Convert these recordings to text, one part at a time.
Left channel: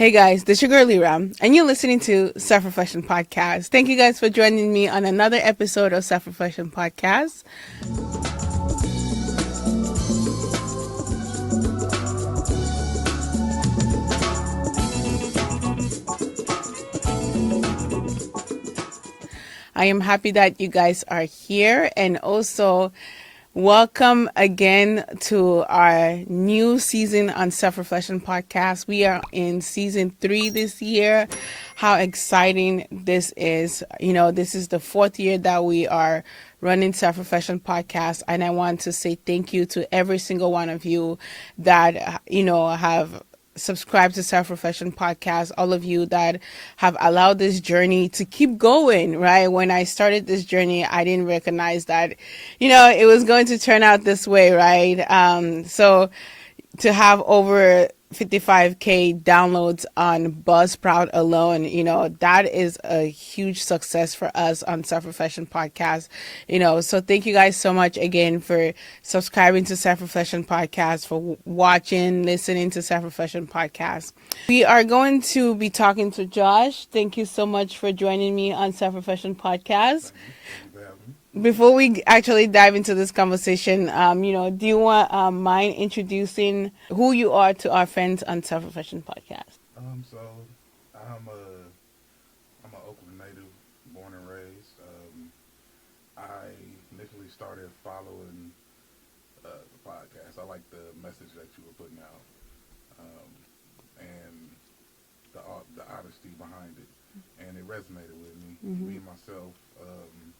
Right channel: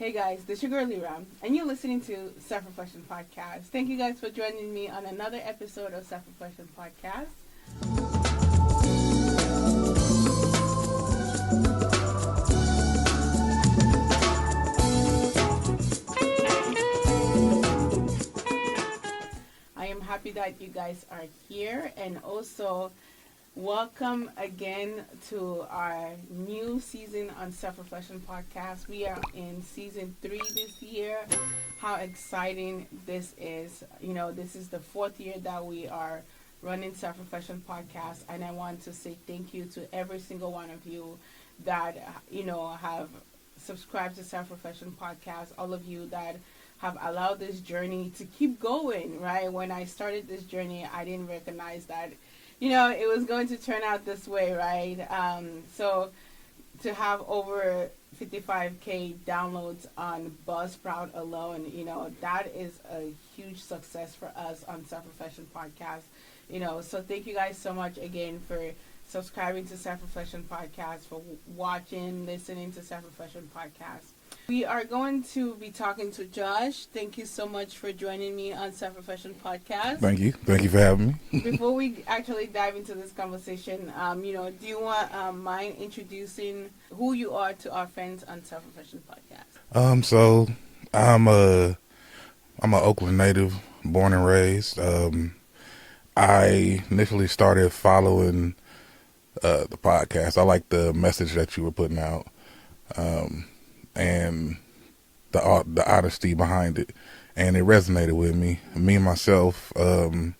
Hey guys, this is your girl Lira, and you're listening to Self-Reflection Podcast. Thank you guys for joining me on another episode of Self-Reflection Podcast. I am happy that you guys are here, and also welcome again to our new season on Self-Reflection Podcast. We are in season 3 this year. How exciting this is. You know, this is the 4th year that we are running Self-Reflection Podcast, and I want to say thank you to every single one of you that, have subscribe to Self-Reflection Podcast, all of you that have allowed this journey to keep going, right? When I started this journey, I didn't recognize that, it was going to turn out this way, right? So to have over 55K downloads on Buzzsprout alone, that is a huge success for us on Self-Reflection Podcast. So thank you guys so much again for subscribing to Self-Reflection Podcast, for watching, listening to Self-Reflection Podcast. We are going to be talking to Josh. Thank you so much for joining me on Self-Reflection Podcast. Thank you. Thank you for having me. Before we actually dive into this conversation, do you want mind introducing who you are to our friends on Self-Reflection Podcast? So I'm a Oakland native, born and raised. I initially started following the podcast. I like the message that you were putting out, and the honesty behind it, and it resonated with me. Mm-hmm. Me myself, I'm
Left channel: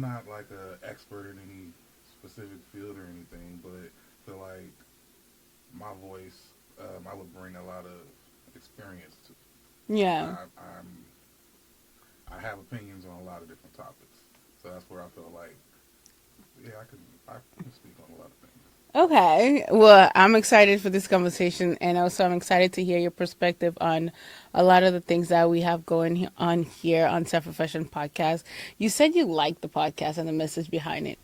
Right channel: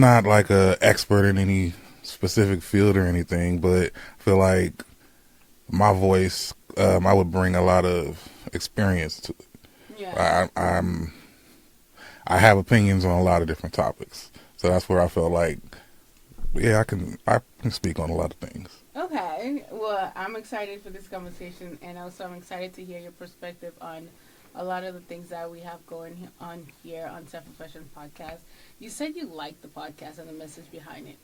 not like a expert in any specific field or anything, but I feel like my voice, I would bring a lot of experience to it. Yeah. I have opinions on a lot of different topics, so that's where I feel like, I can speak on a lot of things. Okay. Well, I'm excited for this conversation, and also I'm excited to hear your perspective on a lot of the things that we have going on here on Self-Reflection Podcast. You said you liked the podcast and the message behind it.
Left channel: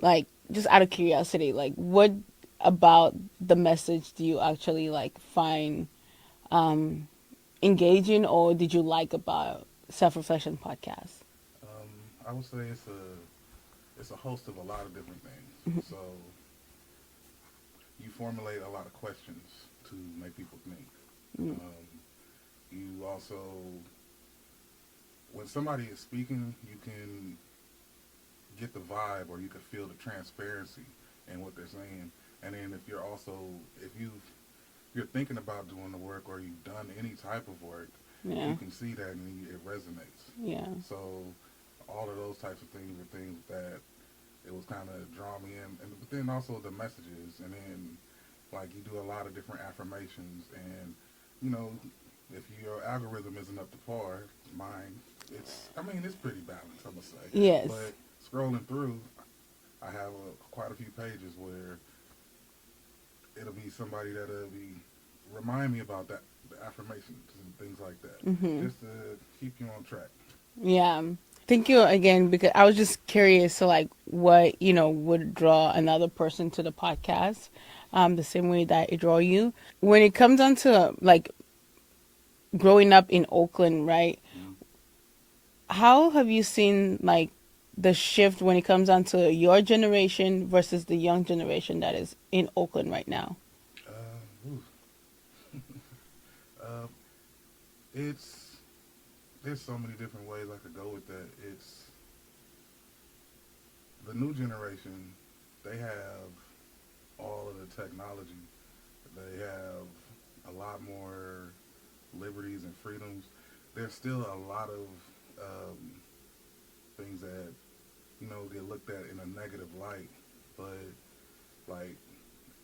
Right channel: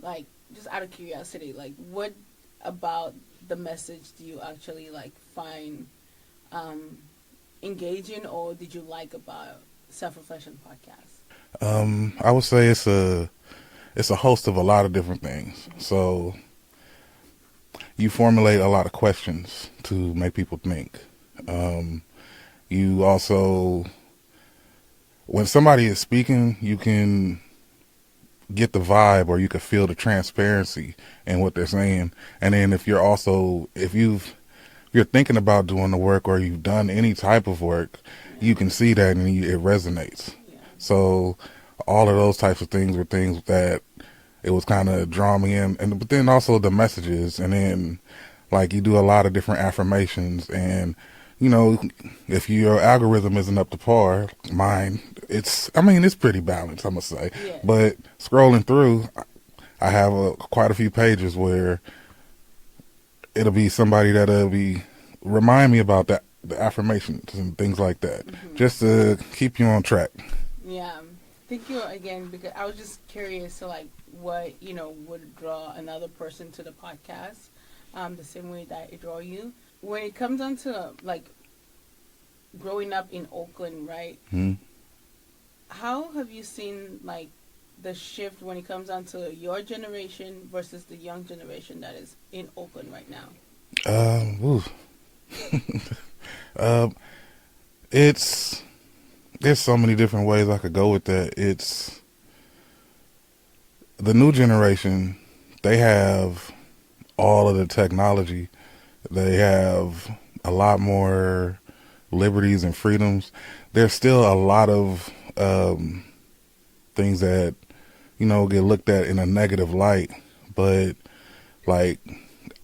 Like, just out of curiosity, like, what about the message do you actually, find engaging, or did you like about Self-Reflection Podcast? I would say it's a host of a lot of different things. Mm-hmm. So you formulate a lot of questions to make people think. You also, when somebody is speaking, you can get the vibe, or you can feel the transparency in what they're saying. And then if you're thinking about doing the work, or you've done any type of work, you can see that and it resonates. Yeah. So all of those types of things were things that it was kind of drawing me in, but then also the messages, and then you do a lot of different affirmations, and if your algorithm isn't up to par, mine, it's pretty balanced, I must say. Yeah. But scrolling through, I have quite a few pages where it'll be somebody that'll be remind me about the affirmations and things like that, mm-hmm. just to keep you on track. Yeah. Thank you again, because I was just curious to what would draw another person to the podcast, the same way that it draw you. When it comes down to growing up in Oakland, right? Mm-hmm. How have you seen the shift when it comes down to your generation versus the young generation that is in Oakland right now? There's so many different ways I could go with that. It's the new generation. They have all of the technology. They have a lot more liberties and freedoms. There's still a lot of things that get looked at in a negative light, but I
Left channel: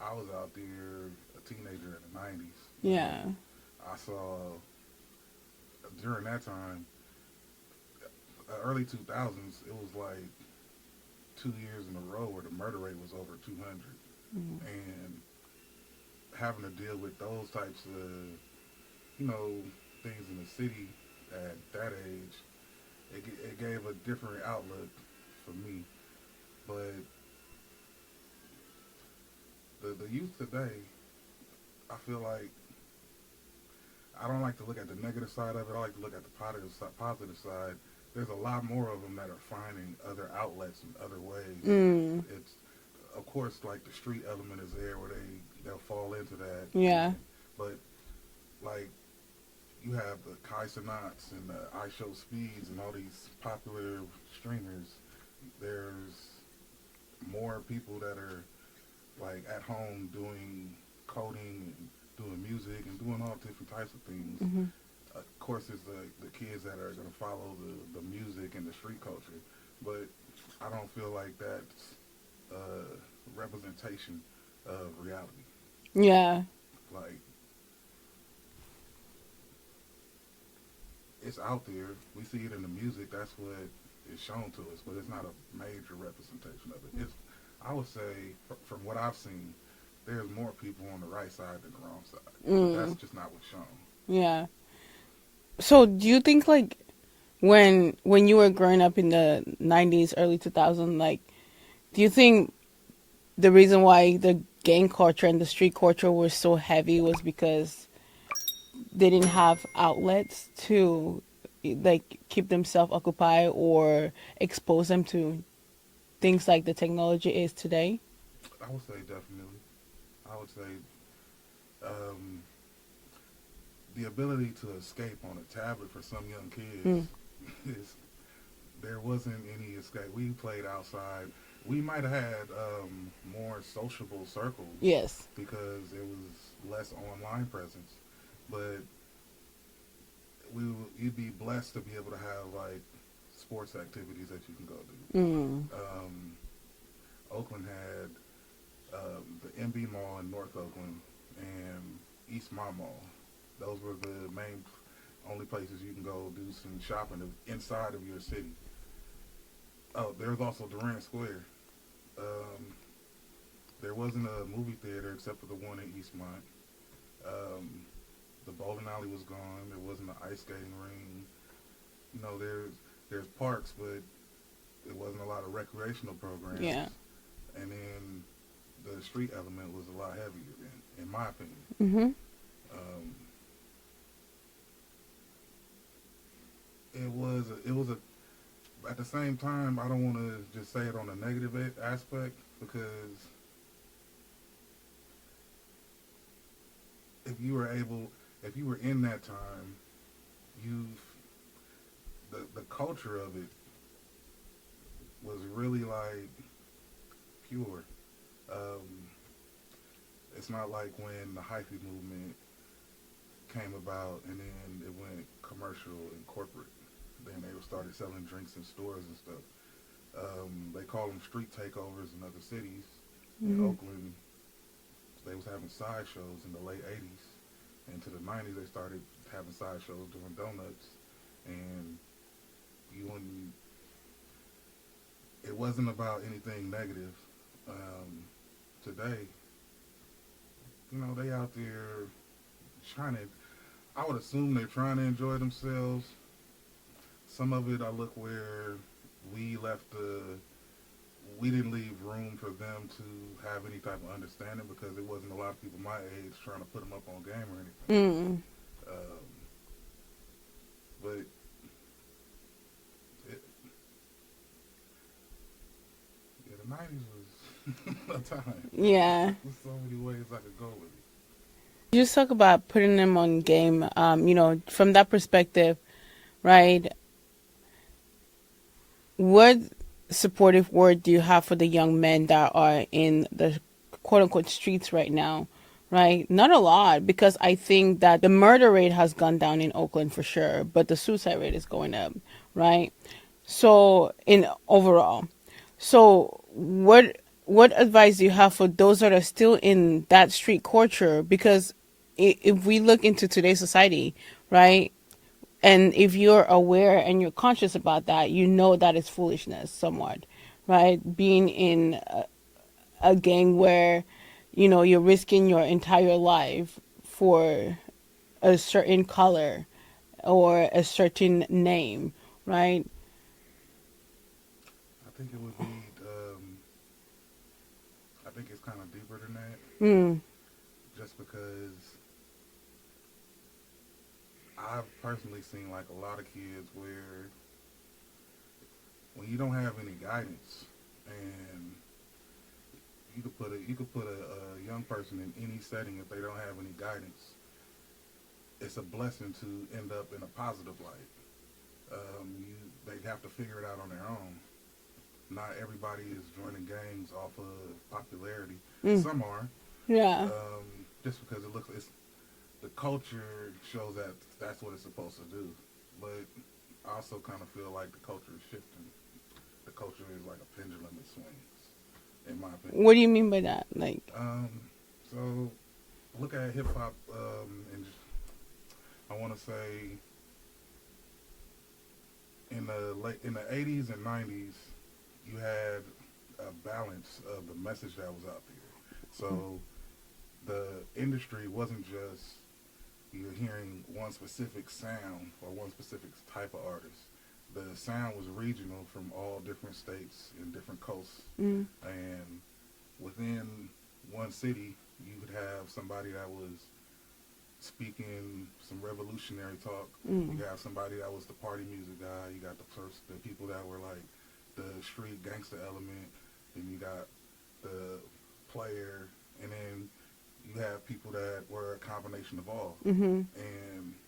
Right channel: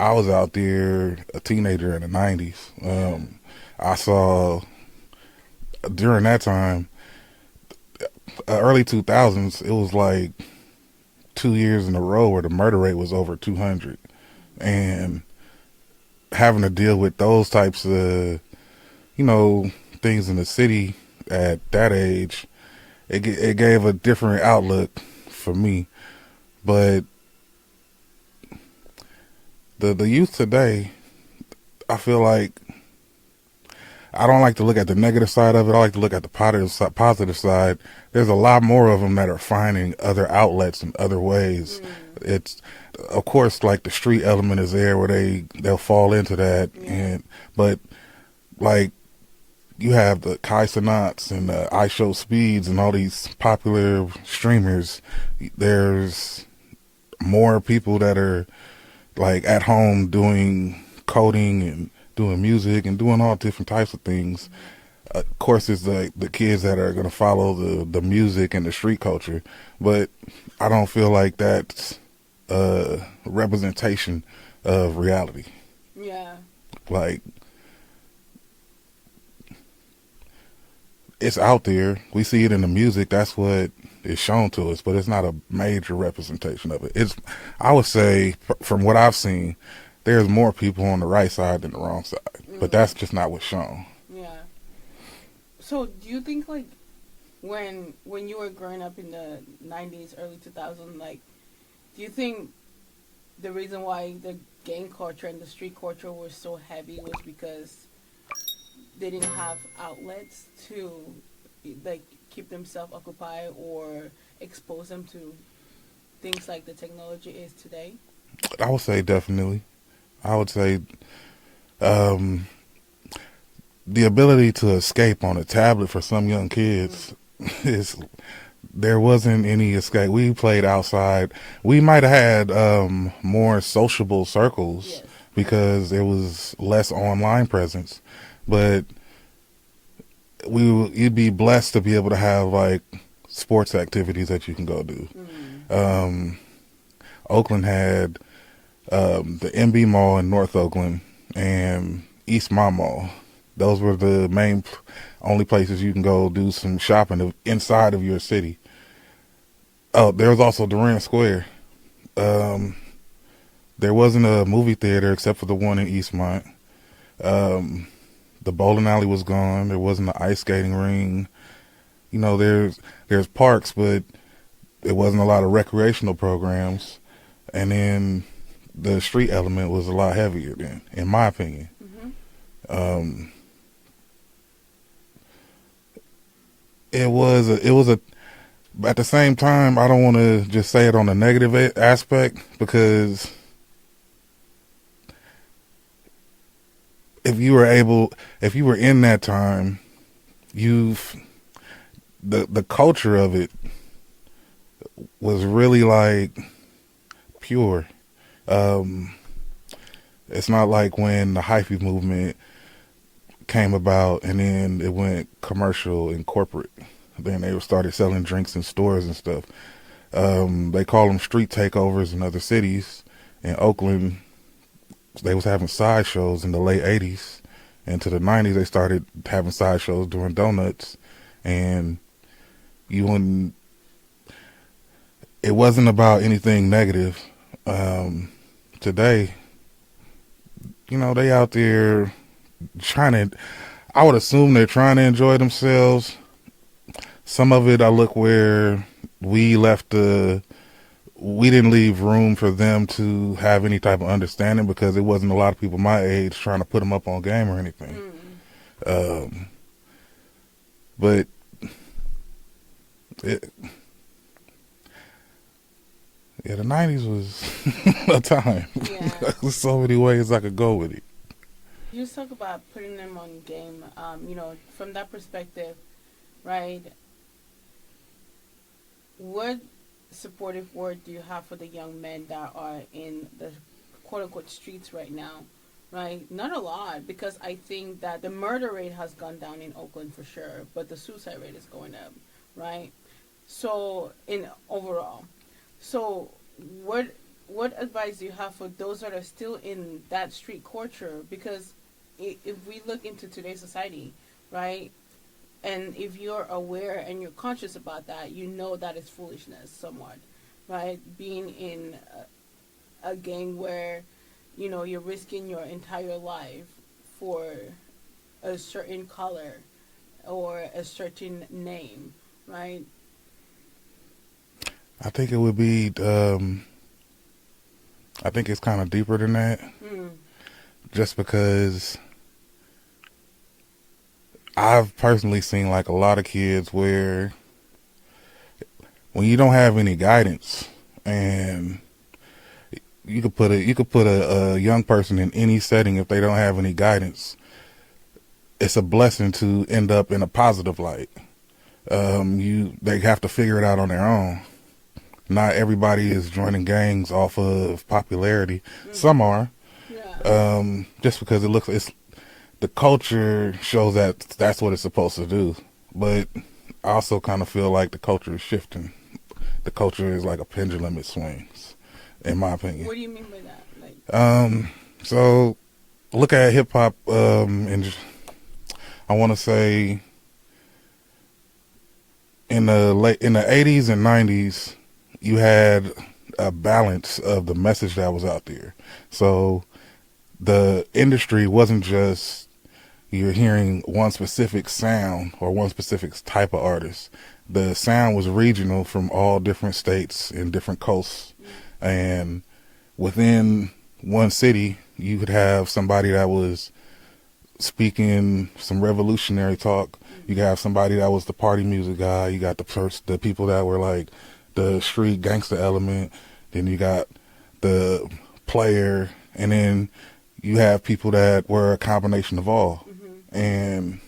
was out there a teenager in the 90s. Yeah. I saw during that time, early 2000s, it was 2 years in a row where the murder rate was over 200. Mm-hmm. And having to deal with those types of things in the city at that age, it gave a different outlook for me. But the youth today, I feel like I don't like to look at the negative side of it. I like to look at the positive side. There's a lot more of them that are finding other outlets and other ways. Mm. It's, of course, like the street element is there where they'll fall into that. Yeah. But like you have the Kai Cenats and the I Show Speeds and all these popular streamers. There's more people that are like at home doing coding and doing music and doing all different types of things. Mm-hmm. Of course, it's the kids that are going to follow the music and the street culture, but I don't feel like that's a representation of reality. Yeah. Like, it's out there. We see it in the music. That's what is shown to us, but it's not a major representation of it. I would say, from what I've seen, there's more people on the right side than the wrong side, but that's just not what's shown. Yeah. So do you think like when you were growing up in the 90s, early 2000s, like do you think the reason why the gang culture and the street culture were so heavy was because they didn't have outlets to like keep themselves occupied or expose them to things like the technology is today? I would say definitely. I would say um, the ability to escape on a tablet for some young kids is, there wasn't any escape. We played outside. We might have had more sociable circles Yes. because there was less online presence, but you'd be blessed to be able to have like sports activities that you can go do. Oakland had the MB Mall in North Oakland and East Mall. Those were the only places you can go do some shopping inside of your city. Oh, there was also Durant Square. There wasn't a movie theater except for the one in Eastmont. The bowling alley was gone. There wasn't an ice skating ring. You know, there's parks, but there wasn't a lot of recreational programs. Yeah. And then the street element was a lot heavier then, in my opinion. Mm-hmm. It was a at the same time, I don't want to just say it on a negative aspect, because if you were in that time, the culture of it was really like pure. It's not like when the hyphy movement came about and then it went commercial and corporate. Then they started selling drinks in stores and stuff. They call them street takeovers in other cities. In Oakland, they was having sideshows in the late 80s. Into the 90s, they started having sideshows during donuts. And it wasn't about anything negative. Today, you know, they out there I would assume they're trying to enjoy themselves. Some of it, I look where we didn't leave room for them to have any type of understanding, because there wasn't a lot of people my age trying to put them up on game or anything. But the 90s was a time. Yeah. There's so many ways I could go with it. You just talk about putting them on game, you know, from that perspective, right? What supportive word do you have for the young men that are in the quote-unquote streets right now, right? Not a lot, because I think that the murder rate has gone down in Oakland for sure, but the suicide rate is going up, right? So in overall, so what advice do you have for those that are still in that street culture? Because if we look into today's society, right, and if you're aware and you're conscious about that, you know that it's foolishness somewhat, right? Being in a gang where, you know, you're risking your entire life for a certain color or a certain name, right? I think it would be, I think it's kind of deeper than that. Just because I've personally seen like a lot of kids where when you don't have any guidance, and you could put a young person in any setting, if they don't have any guidance, it's a blessing to end up in a positive light. They have to figure it out on their own. Not everybody is joining gangs off of popularity. Mm. Some are, Yeah. just because it's the culture shows that that's what it's supposed to do. But I also kind of feel like the culture is shifting. The culture is like a pendulum; it swings, in my opinion. What do you mean by that? Like, So look at hip hop, and I want to say in the 80s and 90s, you had a balance of the message that was out there. So the industry wasn't just you're hearing one specific sound or one specific type of artist. The sound was regional from all different states and different coasts. mm, And within one city, you could have somebody that was speaking some revolutionary talk. mm, You could have somebody that was the party music guy. You got the people that were like the street gangster element. Then you got the player, and then you have people that were a combination of all. mm-hmm. And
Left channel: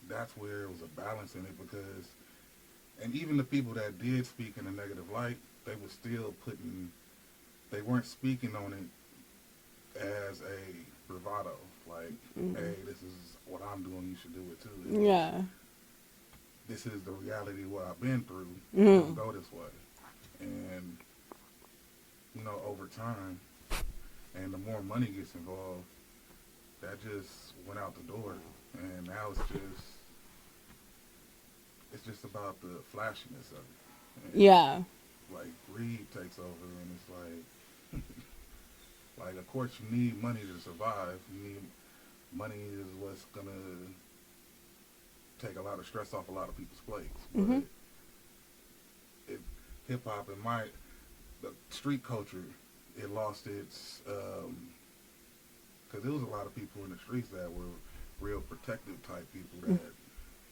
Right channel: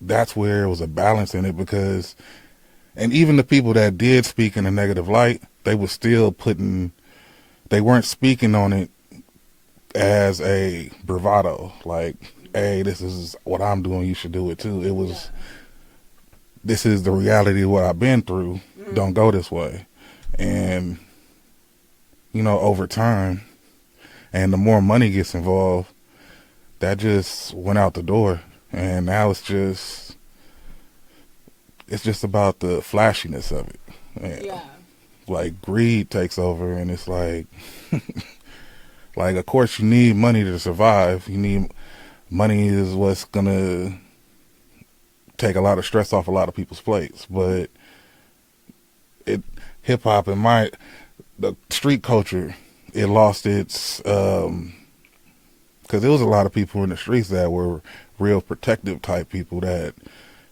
that's where it was a balance in it, because, and even the people that did speak in a negative light, they were still they weren't speaking on it as a bravado, like, Mm-hmm. hey, this is what I'm doing, you should do it too. It was, Yeah. this is the reality of what I've been through. Mm-hmm. Don't go this way. And, over time, and the more money gets involved, that just went out the door. And now it's just about the flashiness of it. And, Yeah. like, greed takes over, and it's like, like, of course you need money to survive. Money is what's gonna take a lot of stress off a lot of people's plates. But hip hop and the street culture, it lost its, because there was a lot of people in the streets that were real protective type people that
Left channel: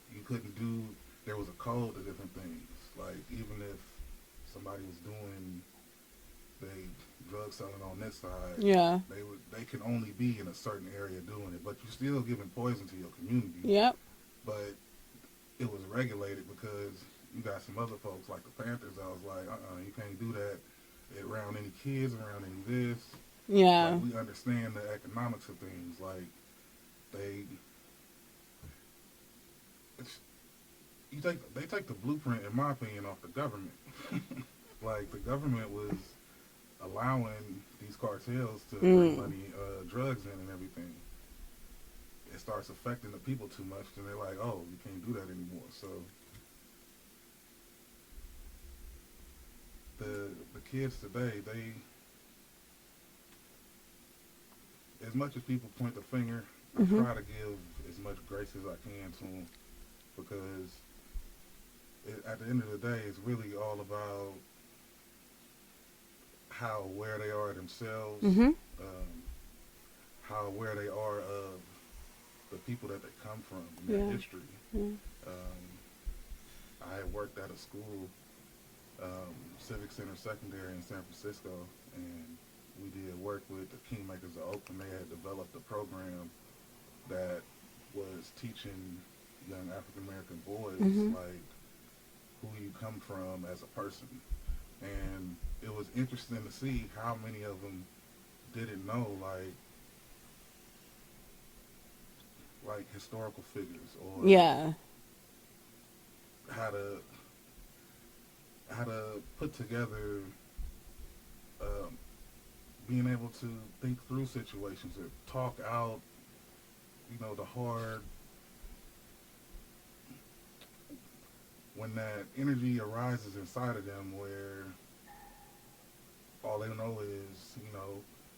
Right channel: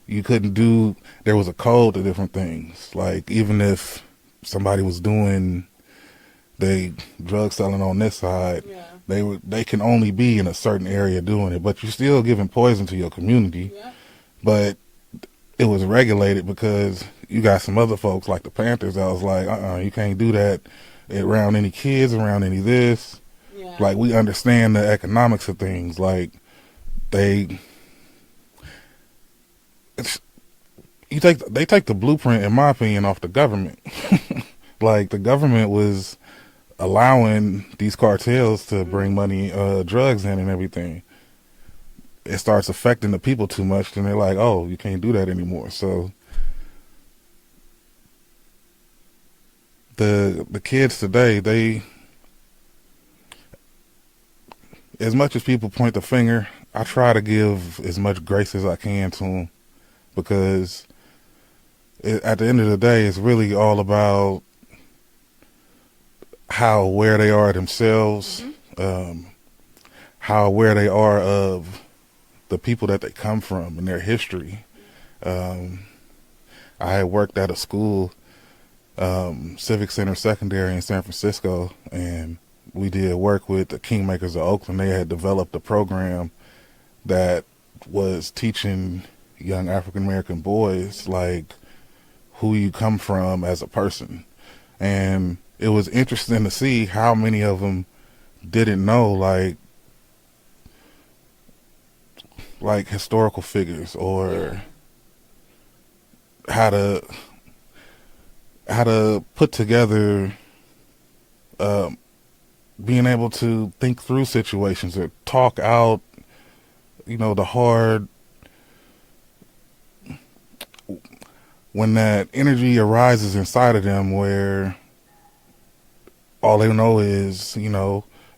you couldn't do. There was a code to different things. Like, even if somebody was doing they drug selling on this side, Yeah. they can only be in a certain area doing it, but you're still giving poison to your community. Yep. But it was regulated because you got some other folks like the Panthers that was like, you can't do that around any kids, around any this. Yeah. Like, we understand the economics of things. Like, they take the blueprint, in my opinion, off the government. Like, the government was allowing these cartels to bring money, drugs in and everything. It starts affecting the people too much, and they're like, oh, you can't do that anymore. So the kids today, as much as people point the finger, I try to give as much grace as I can to them, because at the end of the day, it's really all about how aware they are themselves, how aware they are of the people that they come from and their history. I had worked at a school, Civic Center Secondary in San Francisco, and we did work with the Kingmakers of Oakland. They had developed a program that was teaching young African American boys like who you come from as a person. And it was interesting to see how many of them didn't know like historical figures, or Yeah. how to put together, being able to think through situations or talk out, the hard, when that energy arises inside of them where all they know is,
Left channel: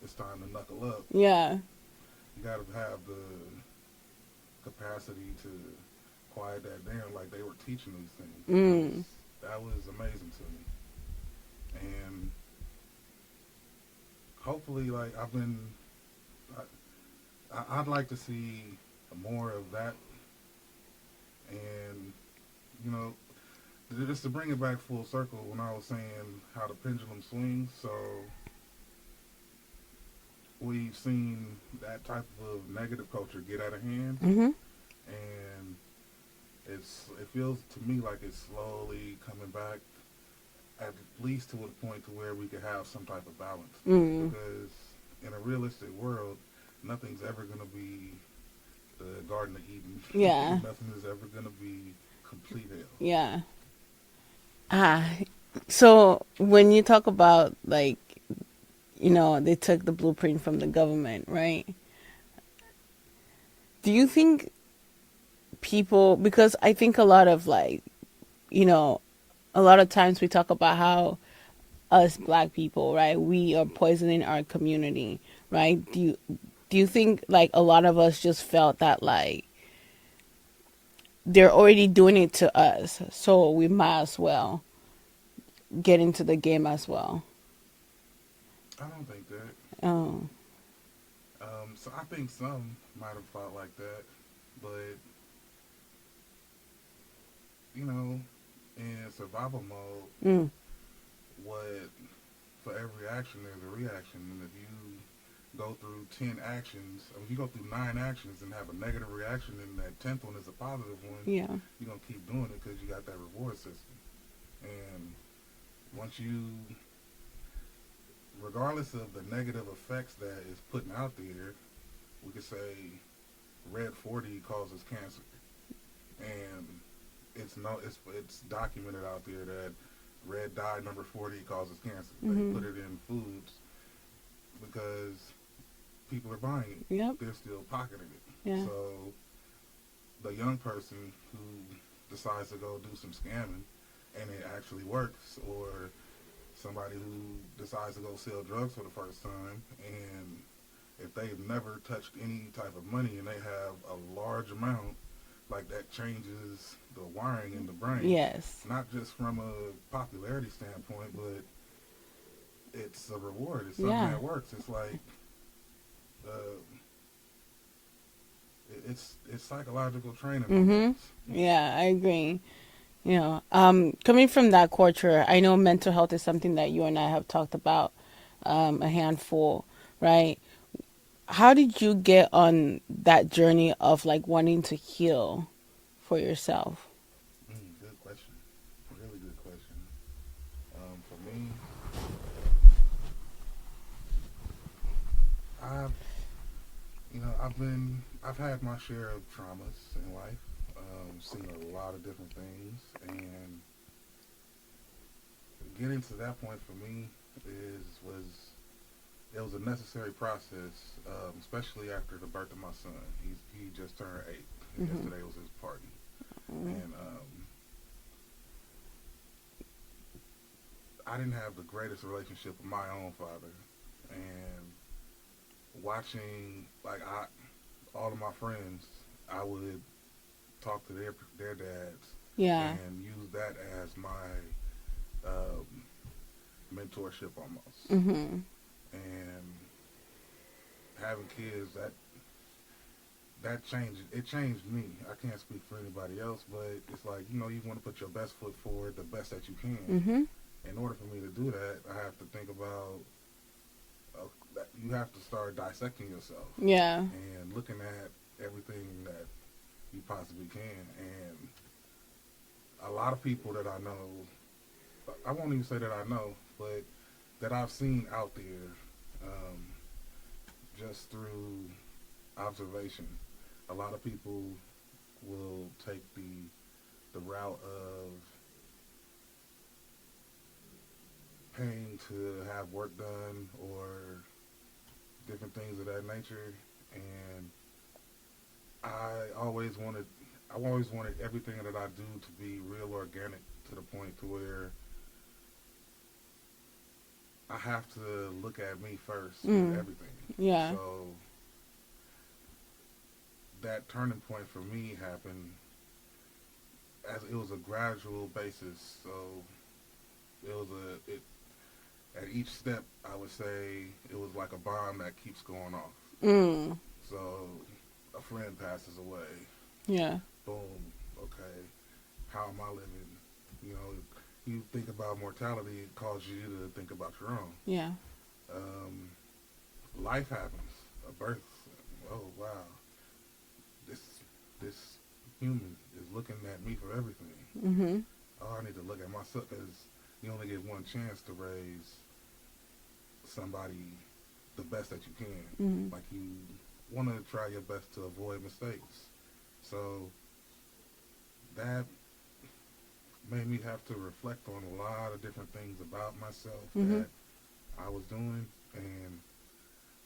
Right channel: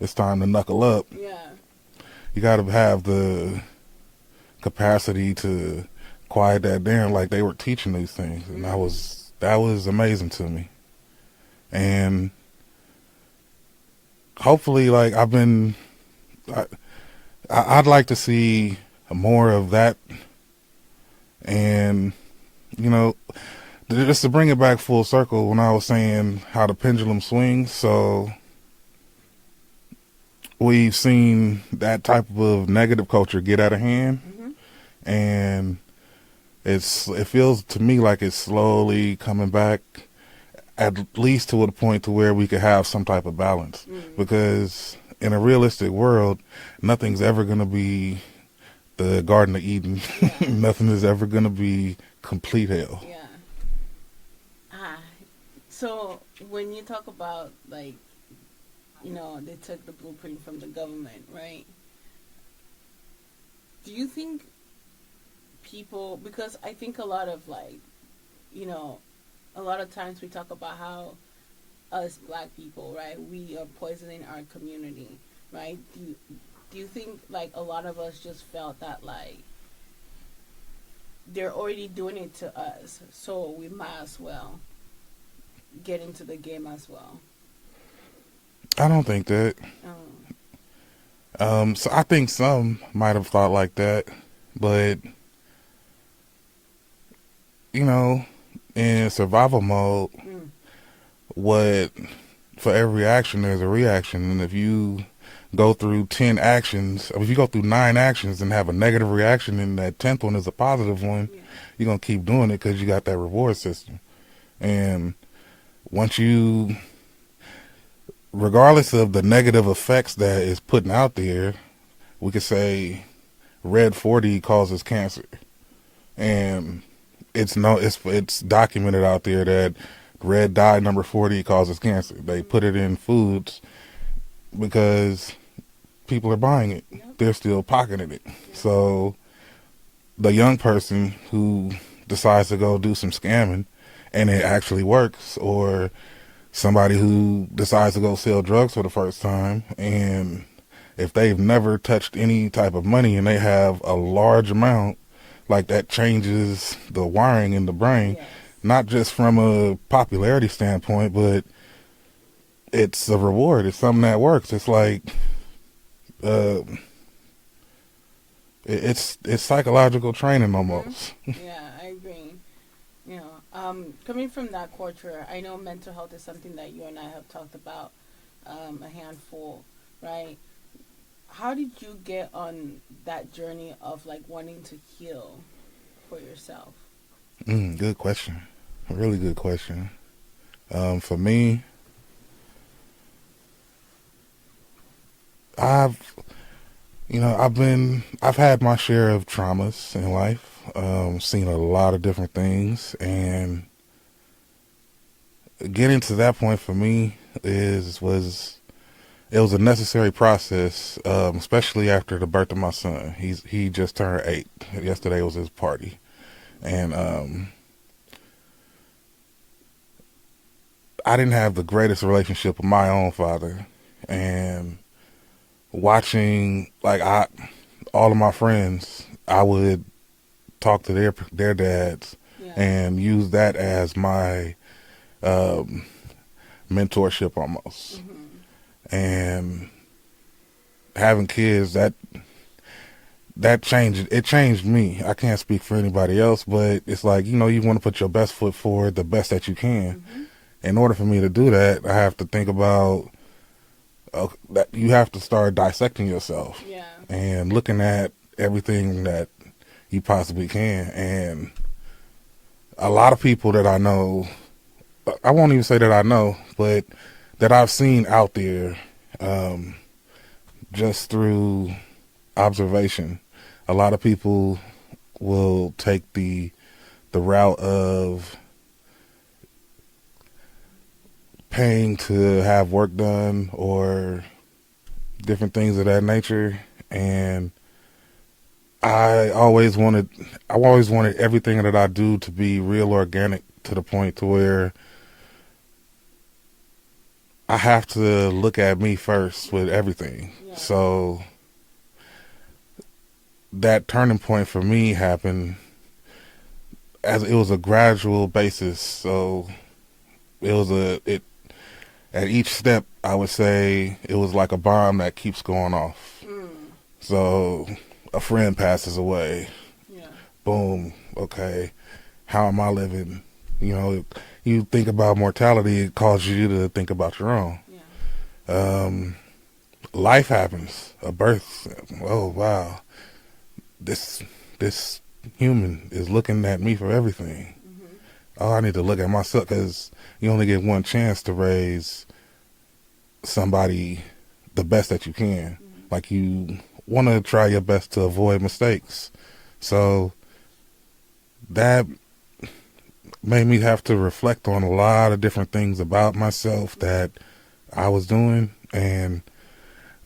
it's time to knuckle up. Yeah. You got to have the capacity to quiet that down, like they were teaching these things. And that was amazing to me. And hopefully, like, I'd like to see more of that And, you know, just to bring it back full circle, when I was saying how the pendulum swings, so we've seen that type of negative culture get out of hand, Mm-hmm. and it feels to me like it's slowly coming back, at least to a point to where we could have some type of balance. Mm. Because in a realistic world, nothing's ever going to be the Garden of Eden. Yeah. Nothing is ever going to be complete hell. Yeah. Ah. So when you talk about like, they took the blueprint from the government, right? Do you think people, because I think a lot of like, you know, a lot of times we talk about how us black people, right, we are poisoning our community, right? Do you think like a lot of us just felt that like they're already doing it to us, so we might as well get into the game as well? I don't think that. Oh. So I think some might have thought like that, but you know, in survival mode, Mm. what for every action there's a reaction, and if you go through 10 actions, if you go through 9 actions and have a negative reaction, and that 10th one is a positive one, Yeah. you're gonna keep doing it because you got that reward system. And once you, regardless of the negative effects that is putting out there, we could say red 40 causes cancer, and it's documented out there that red dye number 40 causes cancer. They Mm-hmm. put it in foods because people are buying it. Yep. They're still pocketing it. Yeah. So the young person who decides to go do some scamming and it actually works, or somebody who decides to go sell drugs for the first time, and if they've never touched any type of money and they have a large amount, like that changes the wiring in the brain, Yes. not just from a popularity standpoint, but it's a reward. It's something Yeah. that works. It's like uh, it's psychological training Mm-hmm. almost. Yeah, I agree. Coming from that culture, I know mental health is something that you and I have talked about a handful, right? How did you get on that journey of like wanting to heal for yourself? Good question. A really good question. For me, I've I've had my share of traumas in life. Seen a lot of different things, and getting to that point for me it was a necessary process, especially after the birth of my son. He just turned 8. Yesterday was his party, and I didn't have the greatest relationship with my own father, and watching all of my friends, I would talk to their dads Yeah. and use that as my um, mentorship almost. Mm-hmm. And having kids, that changed me. I can't speak for anybody else, but it's like, you want to put your best foot forward, the best that you can. Mm-hmm. In order for me to do that, I have to think about that you have to start dissecting yourself Yeah. and looking at everything that you possibly can. And a lot of people that I know, I won't even say that I know, but that I've seen out there, just through observation, a lot of people will take the route of paying to have work done or different things of that nature. And I've always wanted everything that I do to be real organic, to the point to where I have to look at me first with everything. Yeah. So that turning point for me happened as it was a gradual basis. So it at each step, I would say it was like a bomb that keeps going off. Mm. So a friend passes away. Yeah. boom, okay, how am I living? You know, you think about mortality, it causes you to think about your own. Yeah. Um, Life happens, a birth. Oh wow, this this human is looking at me for everything. Mm-hmm. Oh, I need to look at myself because you only get one chance to raise somebody the best that you can. Mm-hmm. Like you want to try your best to avoid mistakes. So that made me have to reflect on a lot of different things about myself Mm-hmm. that I was doing and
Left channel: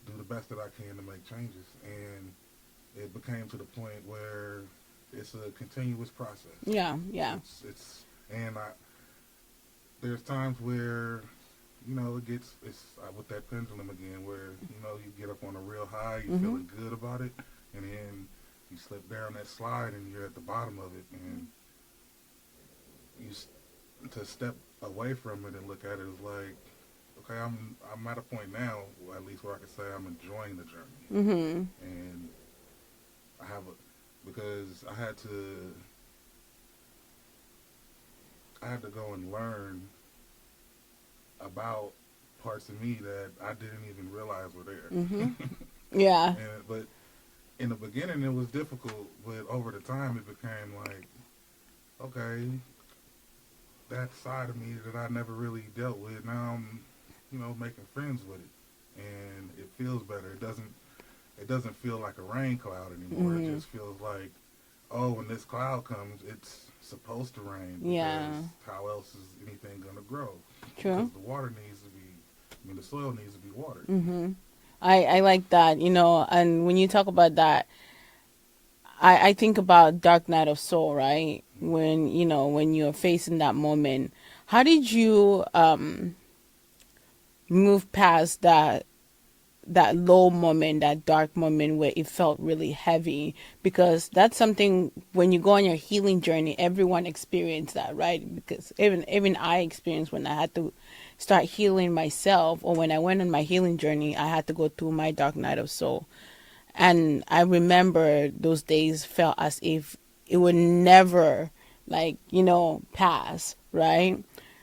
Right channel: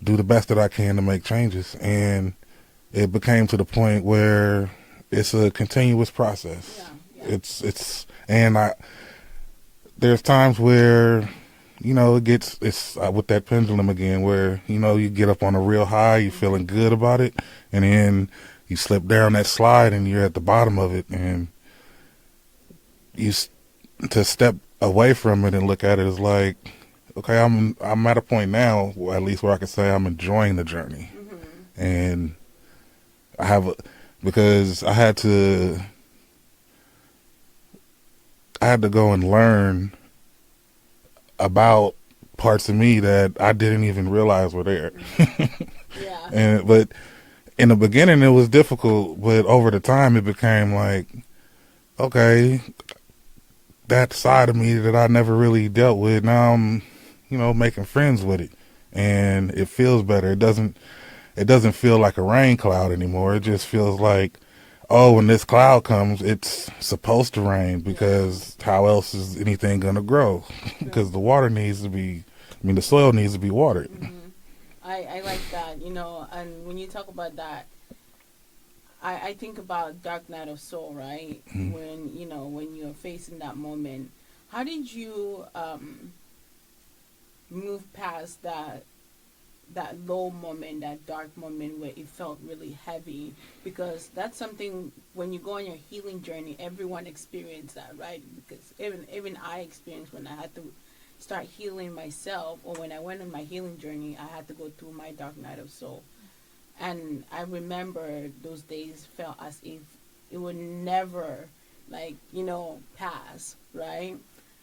do the best that I can to make changes. And it became to the point where it's a continuous process. Yeah. Yeah. And there's times where, it's with that pendulum again, where, you get up on a real high, you're Mm-hmm. feeling good about it, and then you slip down that slide and you're at the bottom of it, and to step away from it and look at it is like, okay, I'm at a point now, at least where I can say I'm enjoying the journey, Mm-hmm. and I have, because I had to go and learn about parts of me that I didn't even realize were there. Mm-hmm. Yeah. But in the beginning it was difficult, but over the time it became like, okay, that side of me that I never really dealt with, now I'm, making friends with it, and it feels better. It doesn't feel like a rain cloud anymore. It Mm-hmm. just feels like, oh, when this cloud comes, it's supposed to rain, Yeah. because how else is anything going to grow? True. Because the soil needs to be watered. Mm-hmm. I like that, and when you talk about that, I think about Dark Night of Soul, right? Mhm. When you're facing that moment, how did you move past that low moment, that dark moment where it felt really heavy? Because that's something, when you go on your healing journey, everyone experienced that, right? Because even I experienced when I had to start healing myself, or when I went on my healing journey, I had to go through my dark night of soul. And I remember those days felt as if it would never, like, pass, right?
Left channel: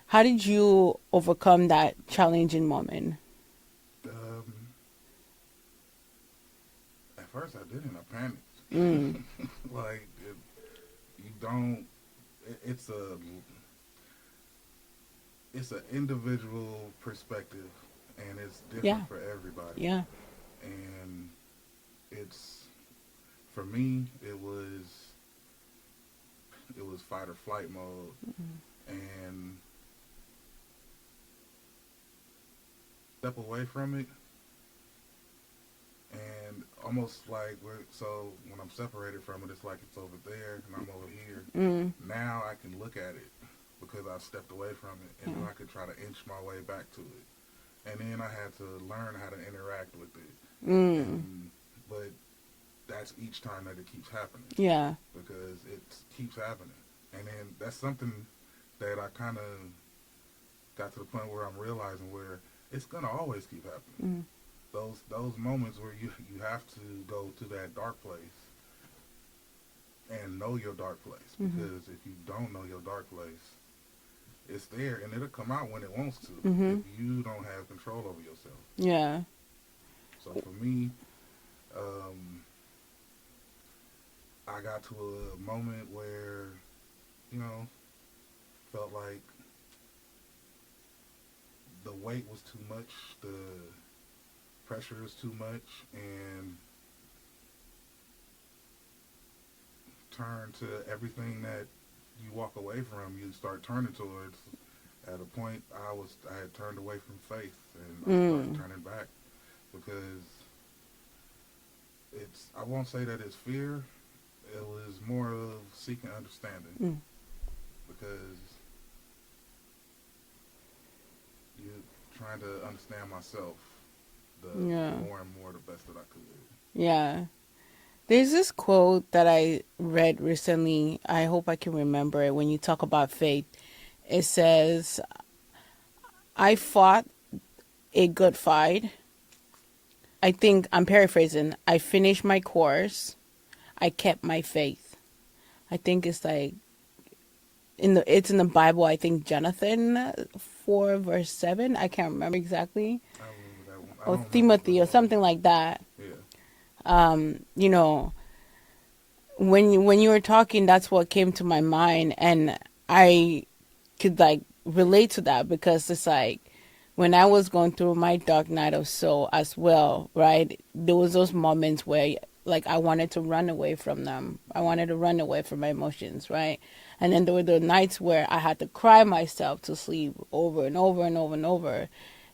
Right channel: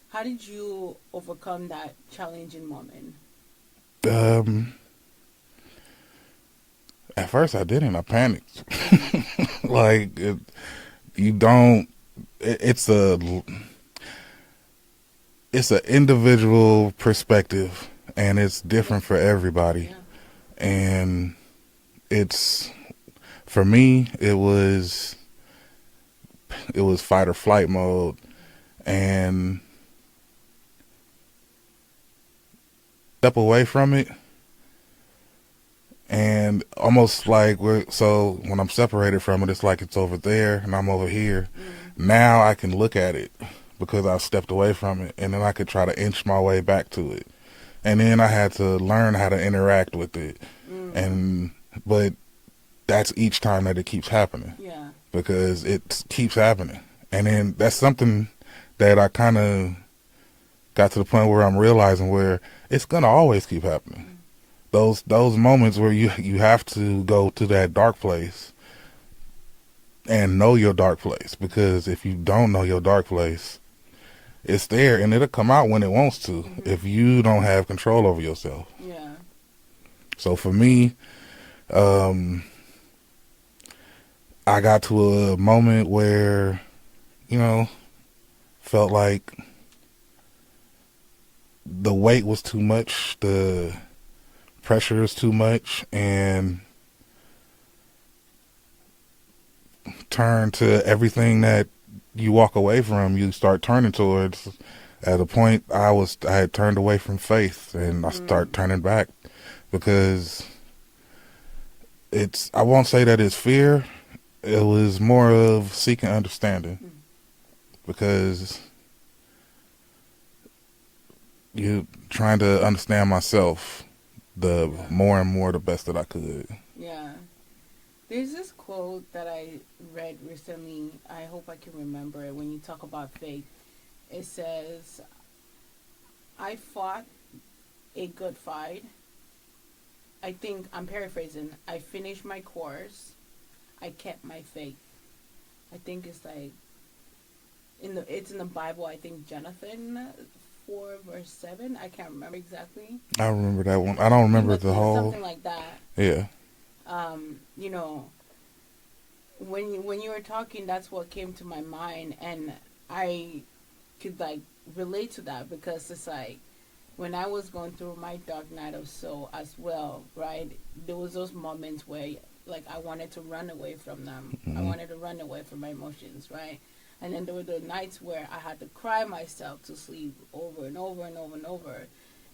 How did you overcome that challenging moment? Um, at first I didn't. I panicked. Mm, Like you don't. It's an individual perspective, and it's yeah, different for everybody. yeah. And it's for me, it was fight or flight mode, and step away from it, and almost like so when I'm separated from it, it's like it's over there and I'm over here. Mm, Now I can look at it because I stepped away from it, and then I could try to inch my way back to it. And then I had to learn how to interact with it, mm, and but that's each time that it keeps happening, yeah. because it keeps happening. And then that's something that I kind of got to the point where I'm realizing where it's gonna always keep happening. Mm, Those moments where you have to go to that dark place and know your dark place, mm, because if you don't know your dark place, it's there and it'll come out when it wants to mm-hmm. if you don't have control over yourself. Yeah. So for me, um, I got to a moment where, you know, felt like the weight was too much, the pressure is too much, and turn to everything that you walk away from, you start turning towards. At a point, I had turned away from faith, and I start Mm, turning back, because I won't say that it's fear. It was more of seeking understanding, mm, because you trying to understand myself, the yeah. more and more the best that I could. Yeah. There's this quote that I read recently. I hope I can remember it. When you talk about faith, it says, I fought a good fight. I think I'm paraphrasing. I finished my course. I kept my faith. I think it's like it's in the Bible. I think Jonathan 4 verse 7. I can't remember exactly. I remember that one. I Or don't remember the Timothy or whole. something like that. Yeah. You know, when you were talking, that's what came to my mind, and I could like relate to that because it's like when I was going through my dark night of soul as well, right? There was those moments where like I wanted to run away from them. I Mm-hmm. wanted to run away from my emotions, right? And then there were the nights where I had to cry myself to sleep over and over and over and over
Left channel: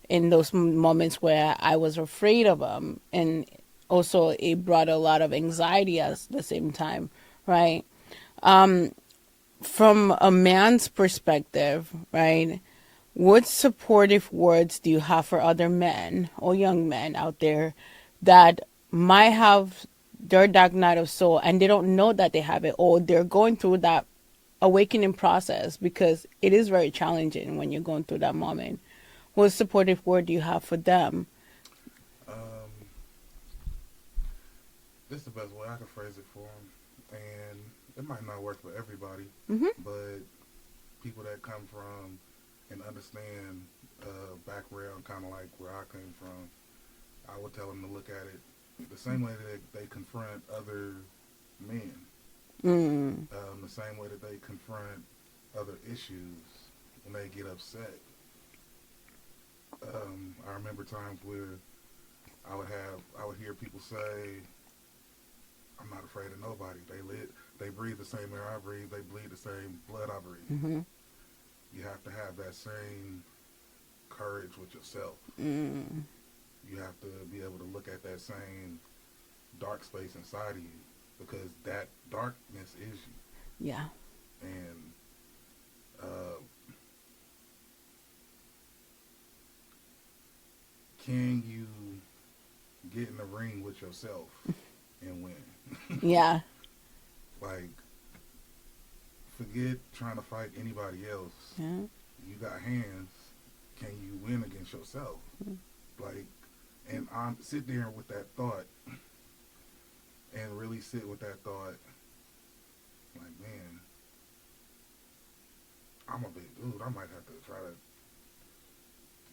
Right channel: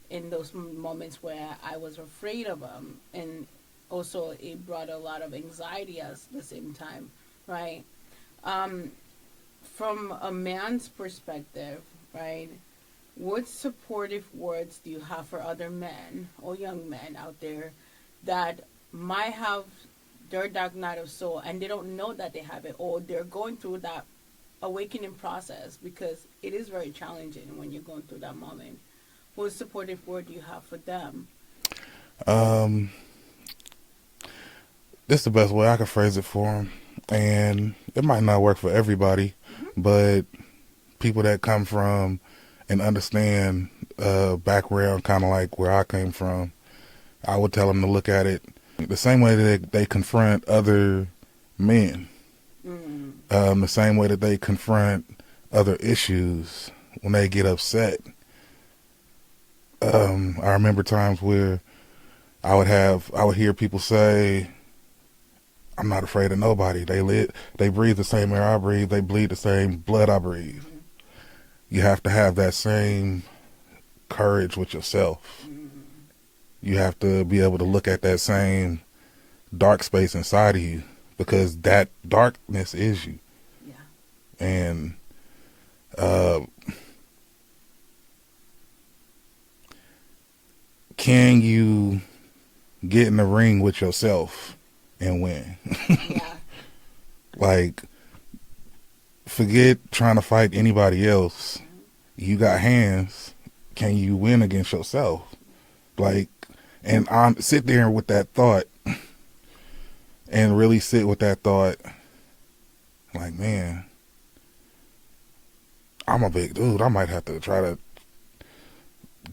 in those moments where I was afraid of them. And also it brought a lot of anxiety at the same time, right? Um, from a man's perspective, right? What supportive words do you have for other men or young men out there that might have their dark night of soul and they don't know that they have it, or they're going through that awakening process, because it is very challenging when you're going through that moment? What supportive word do you have for them? Um, this is the best way I can phrase it for them, and it might not work for everybody, Hmm. but people that come from and understand background, kind of like where I came from, I would tell them to look at it the same way that they confront other men, Mm. the same way that they confront other issues when they get upset. I remember times where I would hear people say, "I'm not afraid of nobody. They breathe the same air I breathe. They bleed the same blood I breathe." Hmm. You have to have that same courage with yourself. Mm. You have to be able to look at that same dark space inside of you, because that darkness is you. Yeah. And uh, can you get in the ring with yourself and win? Yeah. Like, forget trying to fight anybody else. Mm. You got hands. Can you win against yourself? Like, and sit there with that thought and really sit with that thought. Like, man, I'm a big dude. I might have to try to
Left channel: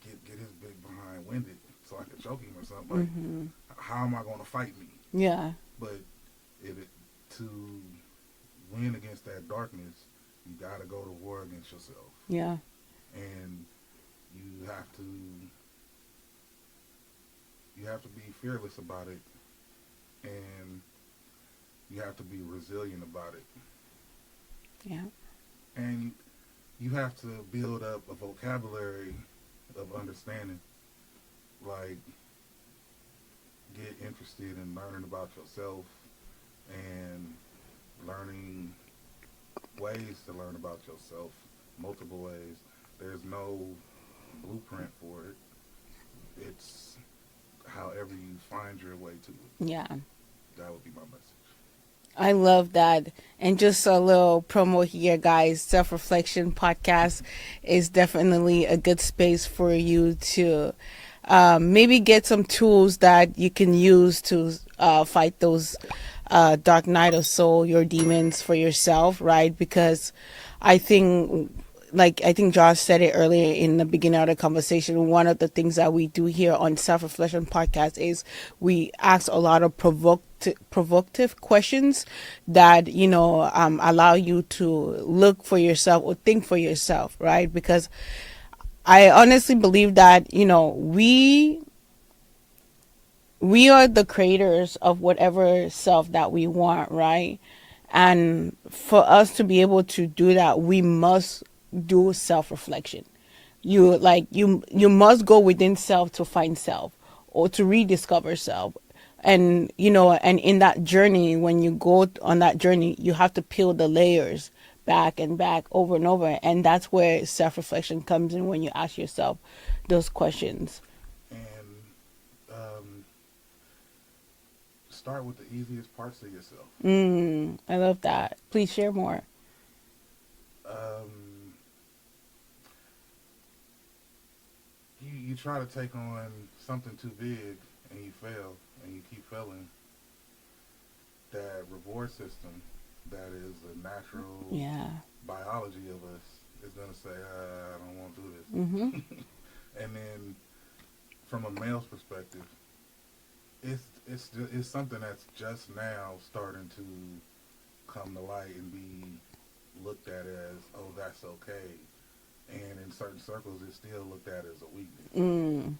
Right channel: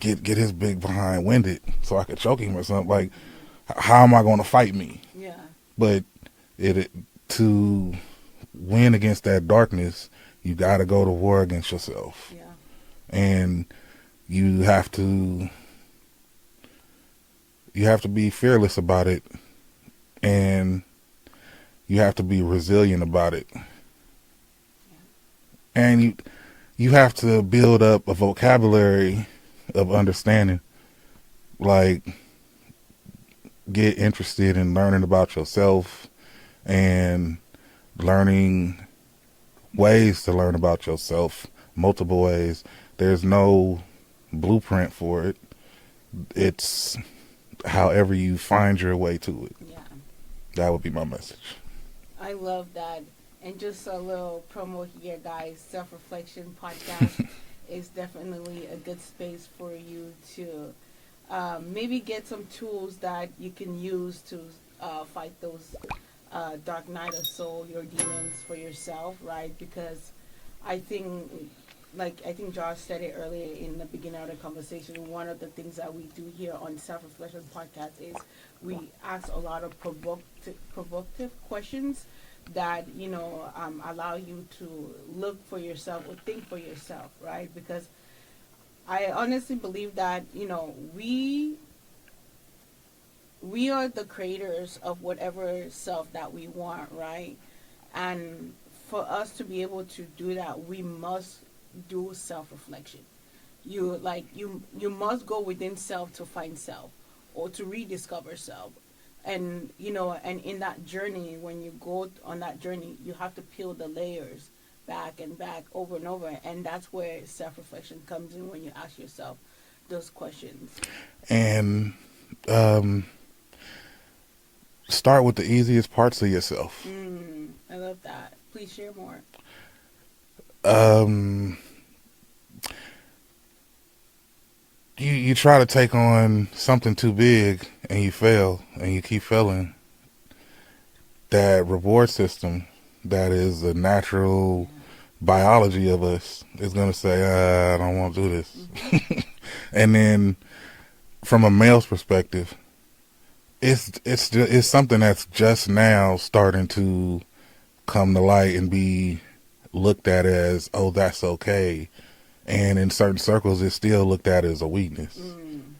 get his big behind winded so I could choke him or something. Like, Hmm. how am I going to fight me? Yeah. But it to win against that darkness, you got to go to war against yourself, Yeah. and you have to be fearless about it, and you have to be resilient about it, Yeah. and you have to build up a vocabulary of understanding. Like, get interested in learning about yourself and learning ways to learn about yourself, multiple ways. There's no blueprint for it. It's however you find your way to it. Yeah. That would be my message. I love that. And just a little promo here, guys. Self Reflection Podcast is definitely a good space for you to maybe get some tools that you can use to fight those dark night of soul, your demons for yourself, right? Because I think, like I think Josh said it earlier in the beginning of the conversation, one of the things that we do here on Self Reflection Podcast is we ask a lot of provocative questions that allow you to look for yourself or think for yourself, right? Because I honestly believe that we are the creators of whatever self that we want, right? And for us to be able to do that, we must do self-reflection. You must go within self to find self or to rediscover self. And and in that journey, when you go on that journey, you have to peel the layers back and back over and over, and that's where self-reflection comes in, when you ask yourself those questions. And um, start with the easiest parts of yourself. I love that. Please share more. Um, you try to take on something too big and you fail and you keep failing. That reward system that is the natural Yeah. biology of us is going to say, I don't want to do Mm-hmm. this. And then from a male's perspective, it's something that's just now starting to come to light and be looked at as, oh, that's okay. And in certain circles, it's still looked at as a weakness. Mm.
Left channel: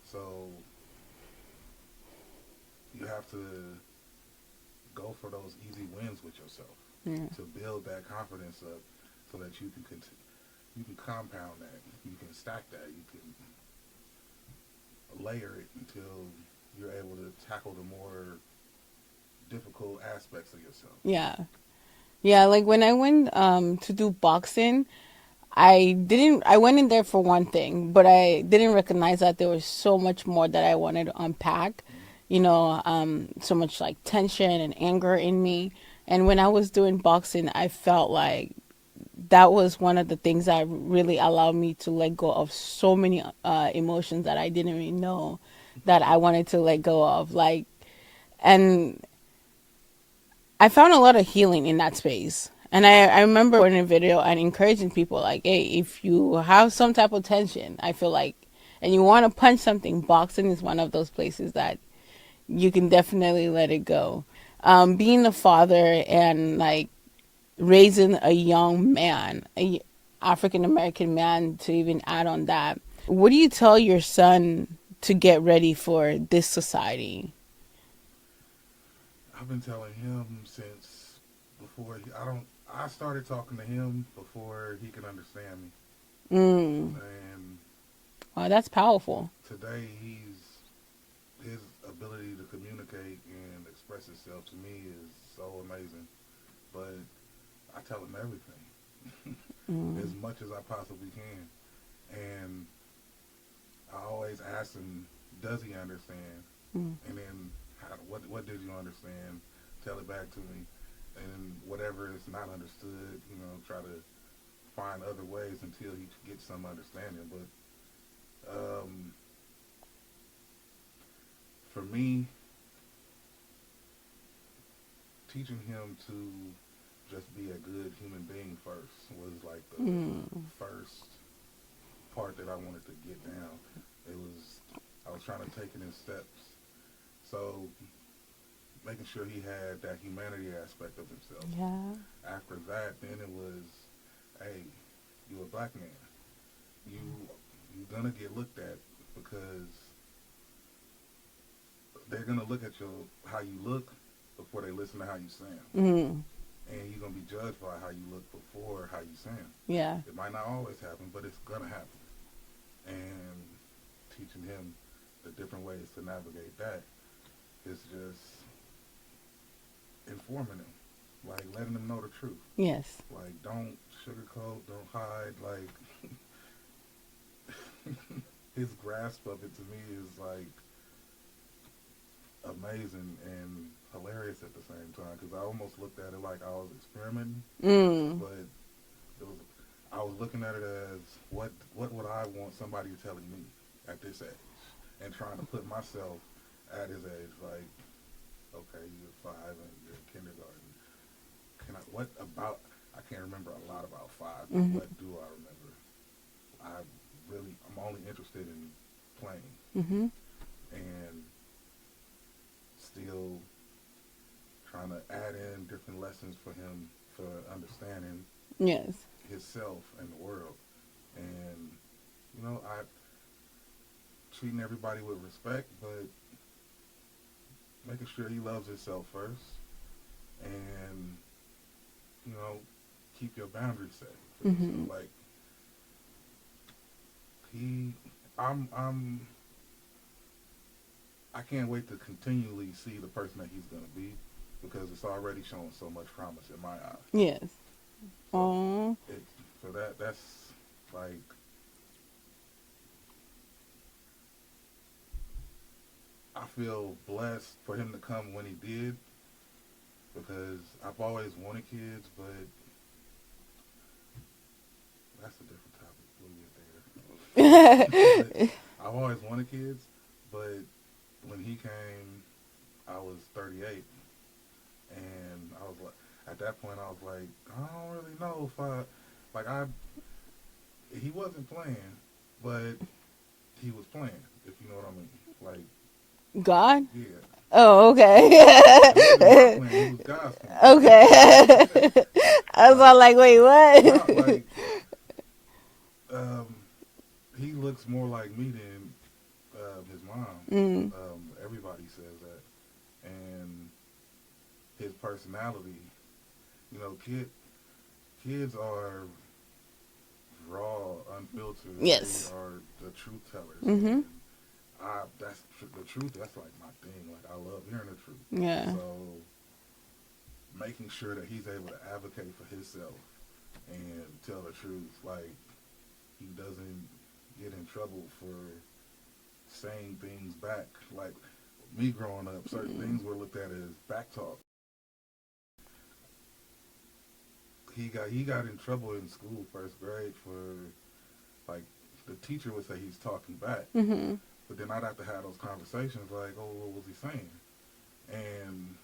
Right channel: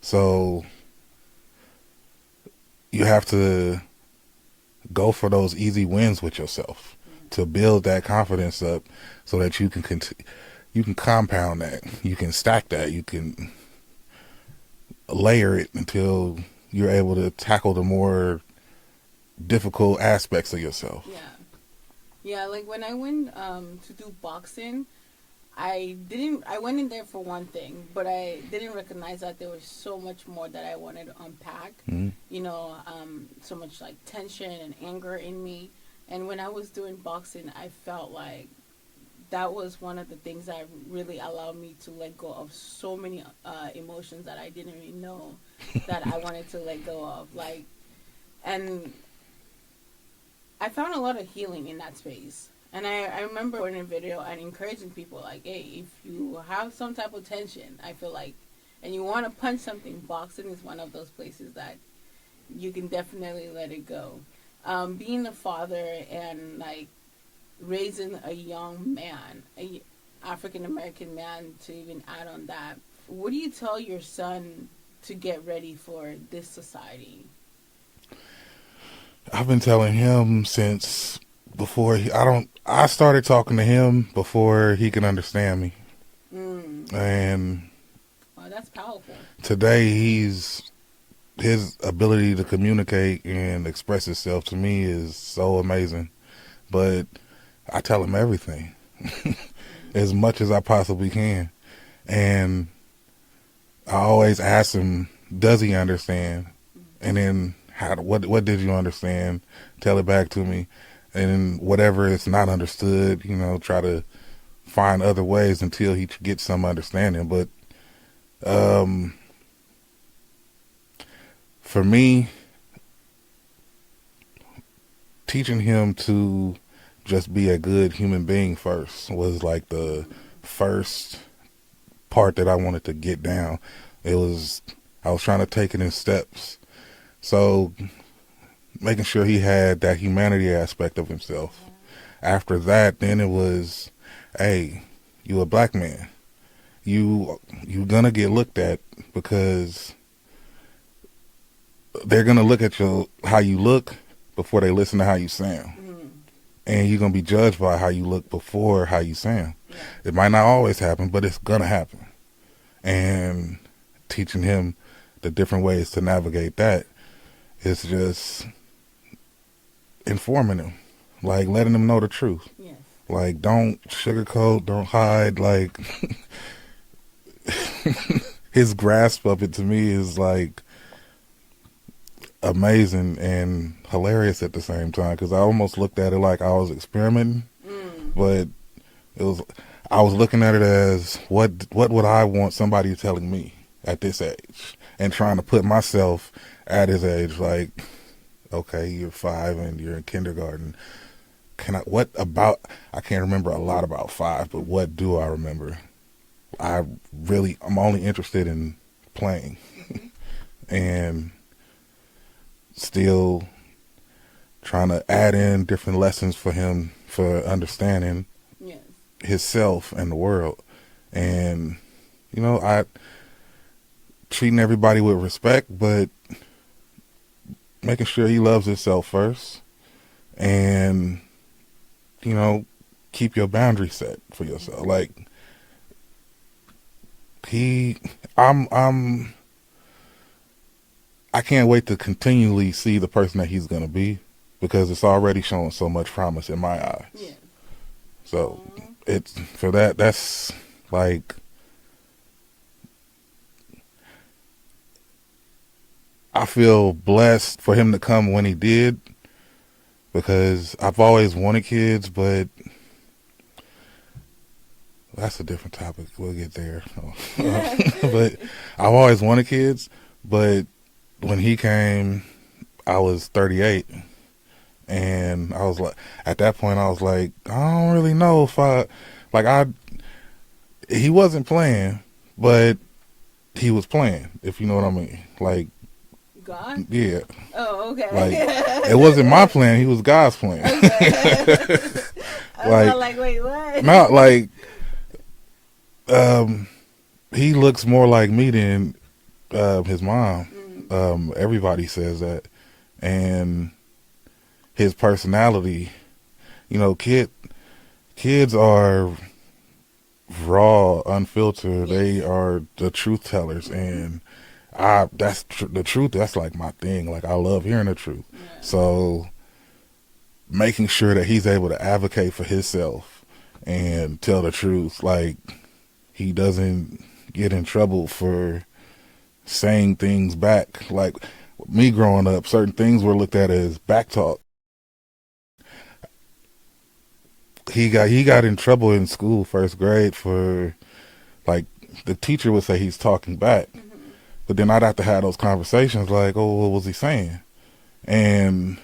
So you have to go for those easy wins with yourself Mm. to build that confidence up, so that you can you can compound that, you can stack that, you can layer it until you're able to tackle the more difficult aspects of yourself. Yeah. Yeah, like when I went to do boxing, I went in there for one thing, but I didn't recognize that there was so much more that I wanted to unpack. Mm-hmm. So much like tension and anger in me. And when I was doing boxing, I felt like that was one of the things that really allowed me to let go of so many emotions that I didn't even know that I wanted to let go of. And I found a lot of healing in that space. And I remember in a video and encouraging people like, hey, if you have some type of tension, I feel like, and you want to punch something, boxing is one of those places that you can definitely let it go. Being a father and like raising a young man, a African American man, to even add on that, what do you tell your son to get ready for this society? I've been telling him since before I started talking to him before he could understand me. Mm. And Oh, that's powerful. today his ability to communicate and express himself to me is so amazing. But I tell him everything as much as I possibly can. And I always ask him, does he understand? And then what did you understand? Tell it back to me. And whatever is not understood, try to find other ways until he gets some understanding. But for me, teaching him to just be a good human being first was like the first part that I wanted to get down. I was trying to take it in steps. So making sure he had that humanity aspect of himself. Yeah. After that, then it was, hey, you a black man. You gonna get looked at because they're gonna look at how you look before they listen to how you sound. Mm. And you're gonna be judged by how you look before how you sound. Yeah. It might not always happen, but it's gonna happen. And teaching him the different ways to navigate that is just informing him, like letting him know the truth. Yes. Like, don't sugarcoat, don't hide. Like, his grasp of it to me is like amazing and hilarious at the same time, because I almost looked at it like I was experimenting, but I was looking at it as what would I want somebody telling me at this age, and trying to put myself at his age. Like, okay, you're 5 and you're in kindergarten. I can't remember a lot about 5, but what do I remember? I'm only interested in playing, and still trying to add in different lessons for him for understanding Yes. himself and the world. And, I treating everybody with respect, but making sure he loves himself first, and, keep your boundaries set for yourself. Like, I can't wait to continually see the person that he's going to be, because it's already showing so much promise in my eyes. Yes. So it's for that's like, I feel blessed for him to come when he did, because I've always wanted kids, but that's a different topic. We'll get there. But I've always wanted kids, but when he came, I was 38, And I was like, at that point, I was like, I don't really know if he wasn't playing, but he was playing, if you know what I mean. Like, God? yeah, Oh, like it wasn't my okay. plan. He was God's plan. Okay. I was all Like, like, wait, what? not like, um, he looks more like me than his mom. Everybody says that, and his personality. You know, kids are raw, unfiltered. They Yes. are the truth tellers, and the truth. That's like my thing. Like I love hearing the truth. Yeah. So making sure that he's able to advocate for himself and tell the truth, like he doesn't get in trouble for saying things back. Like me growing up, certain things were looked at as back talk. He got in trouble in school, first grade, for like the teacher would say he's talking back, but then I'd have to have those conversations like, oh, what was he saying? And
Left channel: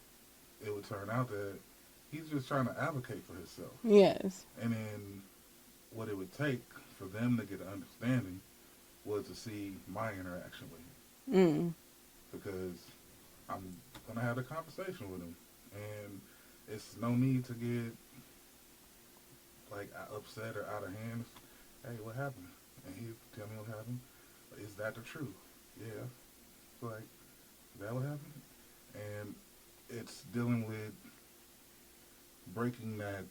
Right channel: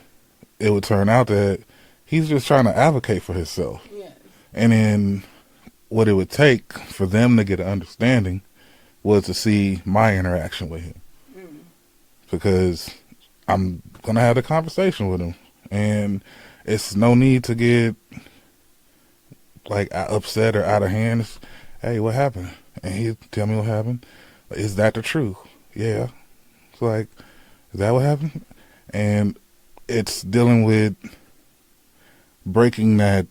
it would turn out that he's just trying to advocate for himself. Yes. And then what it would take for them to get an understanding was to see my interaction with him, because I'm gonna have a conversation with him, and it's no need to get like upset or out of hand. It's, hey, what happened? And he tell me what happened. Is that the truth? Yeah. It's like, is that what happened? And it's dealing with breaking that.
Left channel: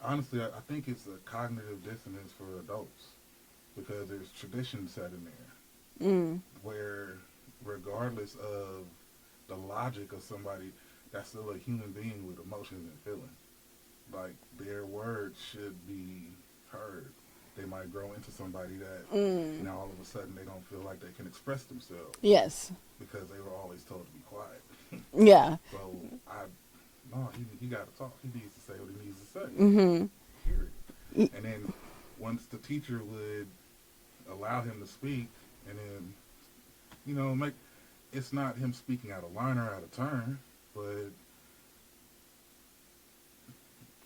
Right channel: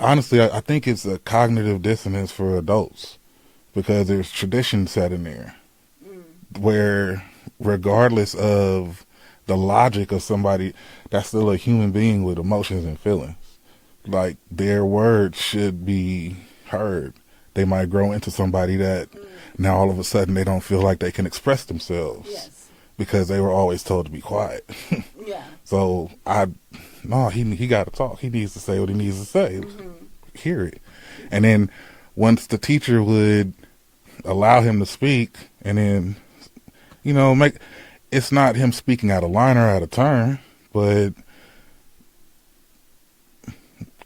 Honestly, I think it's a cognitive dissonance for adults, because there's tradition set in there where, regardless of the logic of somebody, that's still a human being with emotions and feelings. Like their words should be heard. They might grow into somebody that now all of a sudden they don't feel like they can express themselves. Yes. Because they were always told to be quiet. Yeah. So he got to talk. He needs to say what he needs to say. Hear it. And then once the teacher would allow him to speak, and then, make, it's not him speaking out of line or out of turn, but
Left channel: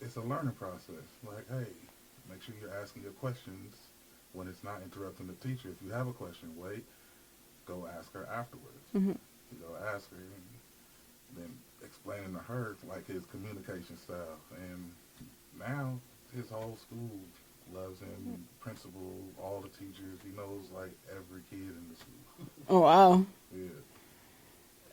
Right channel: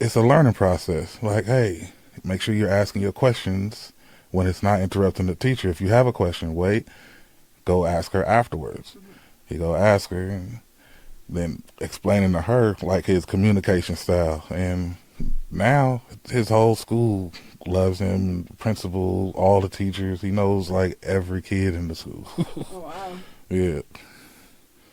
it's a learning process. Like, hey, make sure you're asking your questions when it's not interrupting the teacher. If you have a question, wait, go ask her afterwards. You go ask her, and then explaining to her like his communication style. And now his whole school loves him, principal, all the teachers. He knows like every kid in the school. Oh, wow. Yeah.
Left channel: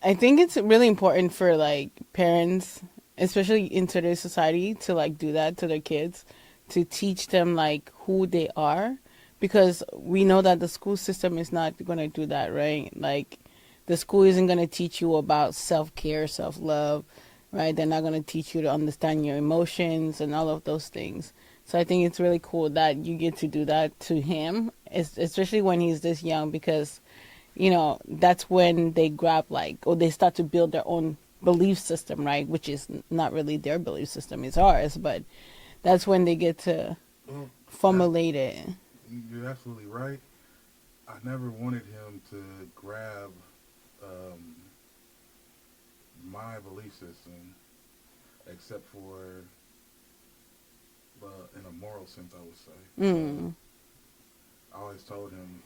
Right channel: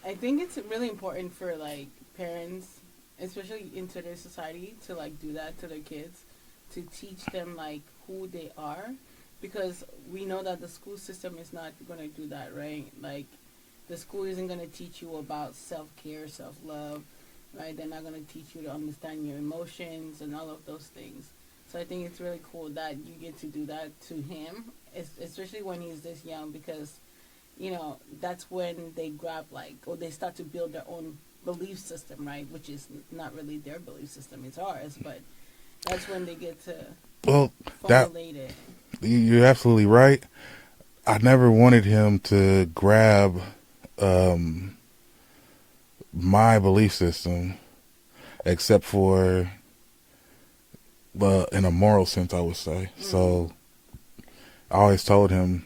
I think it's really important for like parents, especially in today's society, to like do that to their kids, to teach them like who they are, because we know that the school system is not going to do that, right? Like the school isn't going to teach you about self-care, self-love, right? They're not going to teach you to understand your emotions and all of those things. So I think it's really cool that you get to do that to him, especially when he's this young, because that's when they grab like, or they start to build their own belief system, right? Which is not really their belief system, it's ours, but that's when they get to formulate it. You're absolutely right. I never wanted him to grab my belief system, except for in a moral sense, I would say. So I always told him,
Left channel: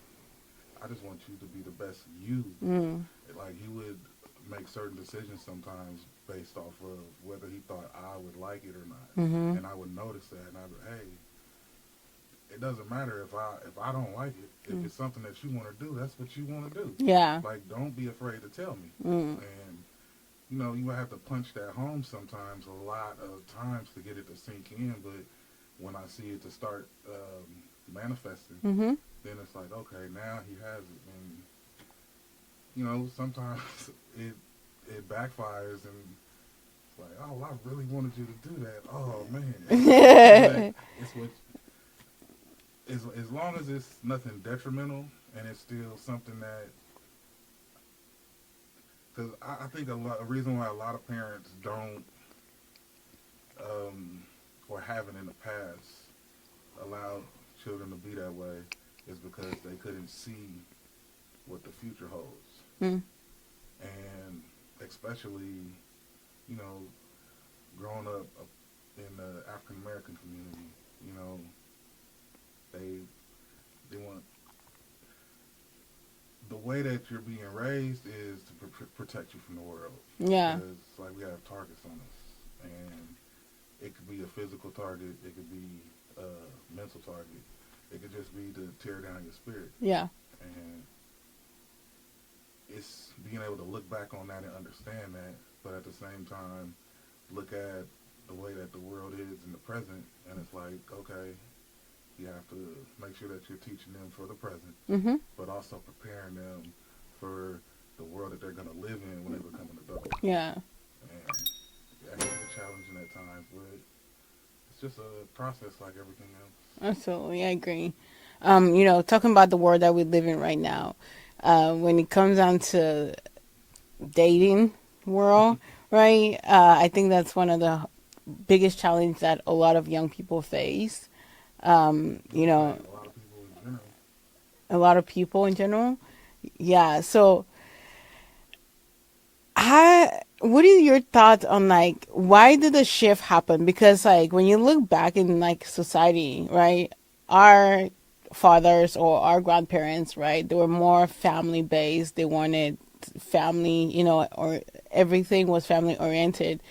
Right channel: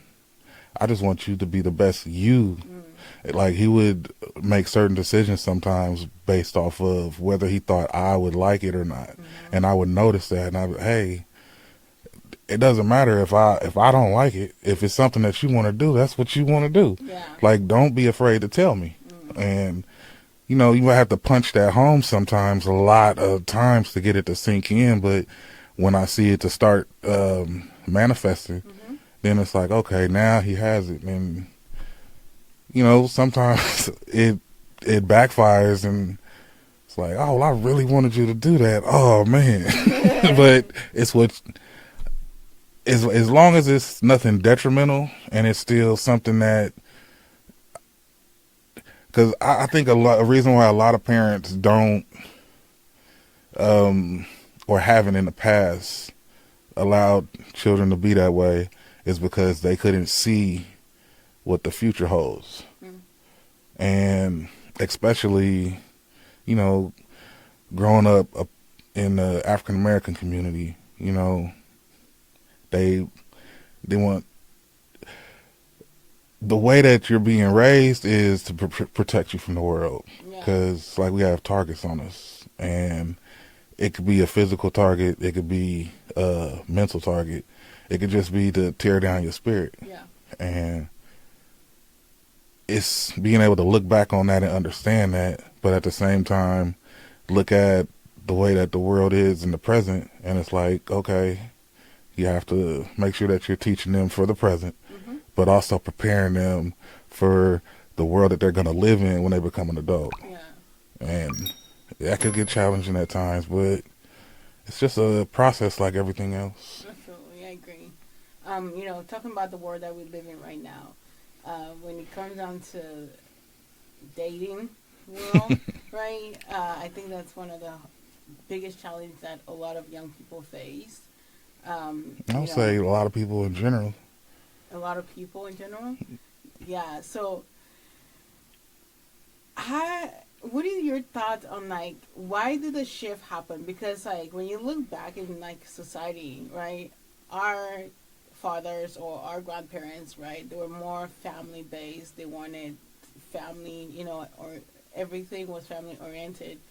I just want you to be the best you. Like he would make certain decisions sometimes based off of whether he thought I would like it or not. And I would notice that, and I would, hey, it doesn't matter if I don't like it. If it's something that you want to do, that's what you want to do. Yeah. Like, don't be afraid to tell me. And you might have to punch that home sometimes, a lot of times, to get it to sink in. But when I see it to start manifesting, then it's like, okay, now he has it. And sometimes it backfires, and it's like, oh, well, I really wanted you to do that. Oh man. But it's what. As long as it's nothing detrimental and it's still something that, because I think a reason why a lot of parents don't, or haven't in the past, allowed children to be that way is because they couldn't see what the future holds. And especially, you know, growing up in the African American community, they they want the way that you're being raised is to protect you from the world, Yeah. because like we have targets on us, and it could be a physical target, it could be a mental target, it could just be to tear down your spirit. Yeah. And it's being able to look back on that and understand that, but at the same time look at the way that the world is in the present, and it's like, okay, you have to make sure that you're teaching them for the present, Mm-hmm. but also preparing them for the world that they're going to live in when they become an adult. Yeah. And that could get challenging at times, but it's just a process like everything else. Absolutely, I agree. Talking about the world that we live in right now, when it comes down to dating world, right? I think that's one of the biggest challenges that a lot of young people face. I'll say a lot of people in general. A lot of people in general. Yeah. So, what are your thoughts on like why did the shift happen? Because like when you look back in like society, right, our fathers or our grandparents, right, they were more family based. They wanted family, or everything was family oriented.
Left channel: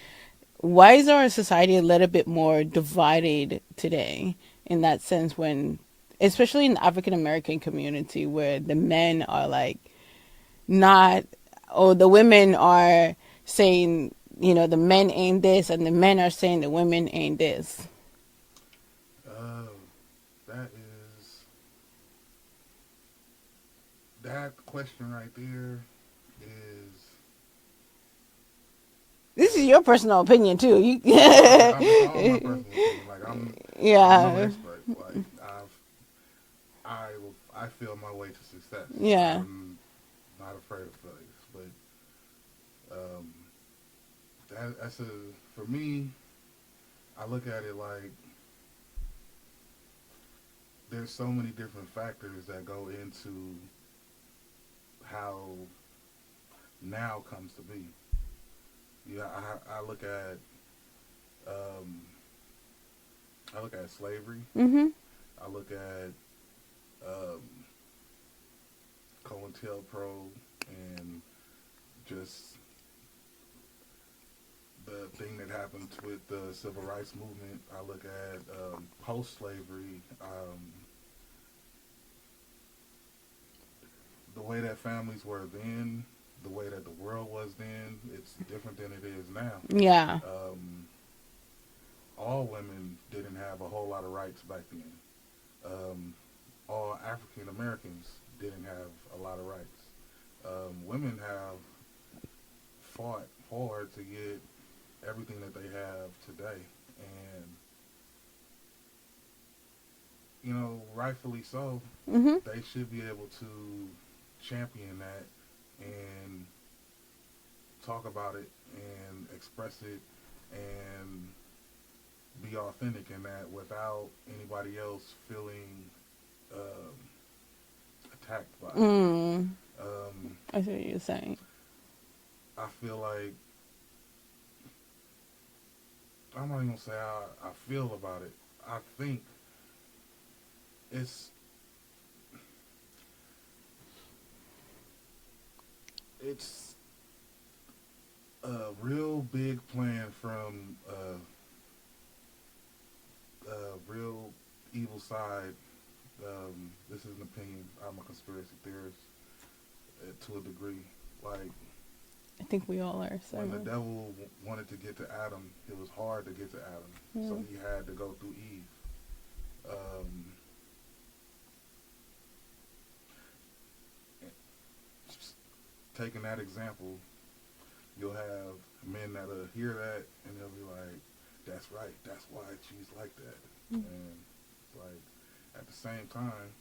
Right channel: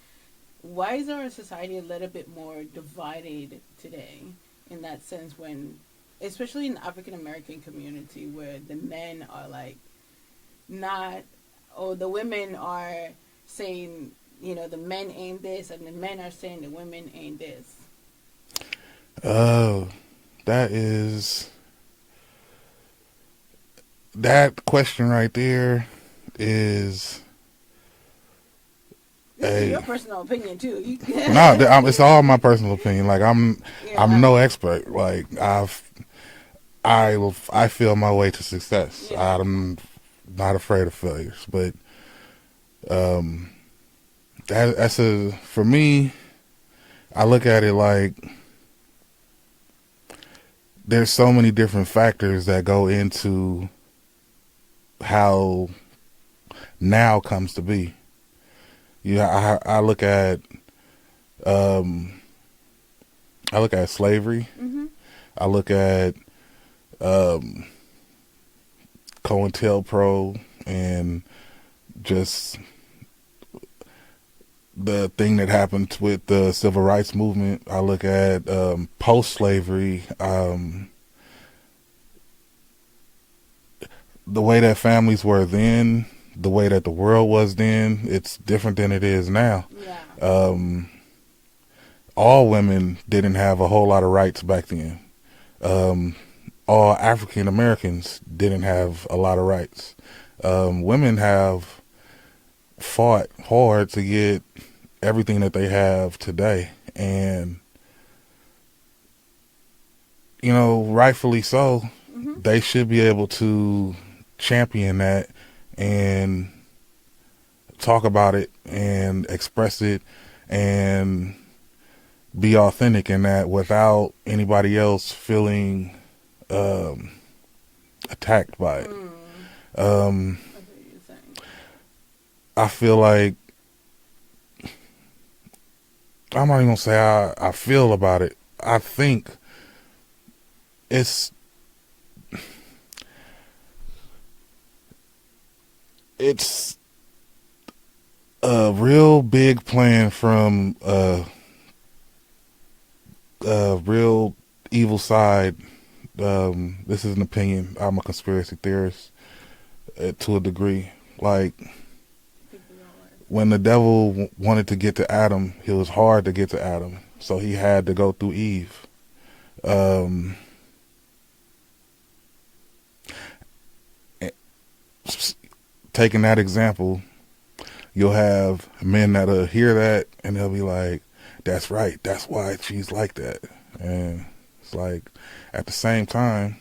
Why is our society a little bit more divided today in that sense when, especially in the African American community where the men are like not, or the women are saying, the men ain't this, and the men are saying the women ain't this. Oh, that is that question right there is This is your personal opinion too. it's all my personal opinion. Like I'm Yeah. no expert. Like I feel my way to success. Yeah. I'm not afraid of failures, but um, that's for me. I look at it like there's so many different factors that go into how now comes to be. I look at um, I look at slavery. Mm-hmm. I look at um, COINTELPRO and just the thing that happened with the civil rights movement. I look at post-slavery, the way that families were then, the way that the world was then. It's different than it is now. Yeah. All women didn't have a whole lot of rights back then. All African Americans didn't have a lot of rights. Women have fought hard to get everything that they have today, and rightfully so. Mm-hmm. They should be able to champion that and talk about it and express it and be authentic in that without anybody else feeling attacked by it. I see what you're saying. I feel like I'm not even gonna say how I feel about it. I think it's a real big plan from a real evil side. This is an opinion. I'm a conspiracy theorist to a degree. Like, I think we all are. when the devil wanted to get to Adam, it was hard to get to Adam, so he had to go through Eve. Taking that example, you'll have men that'll hear that and they'll be like, "That's right. That's why she's like that." And it's like, at the same time,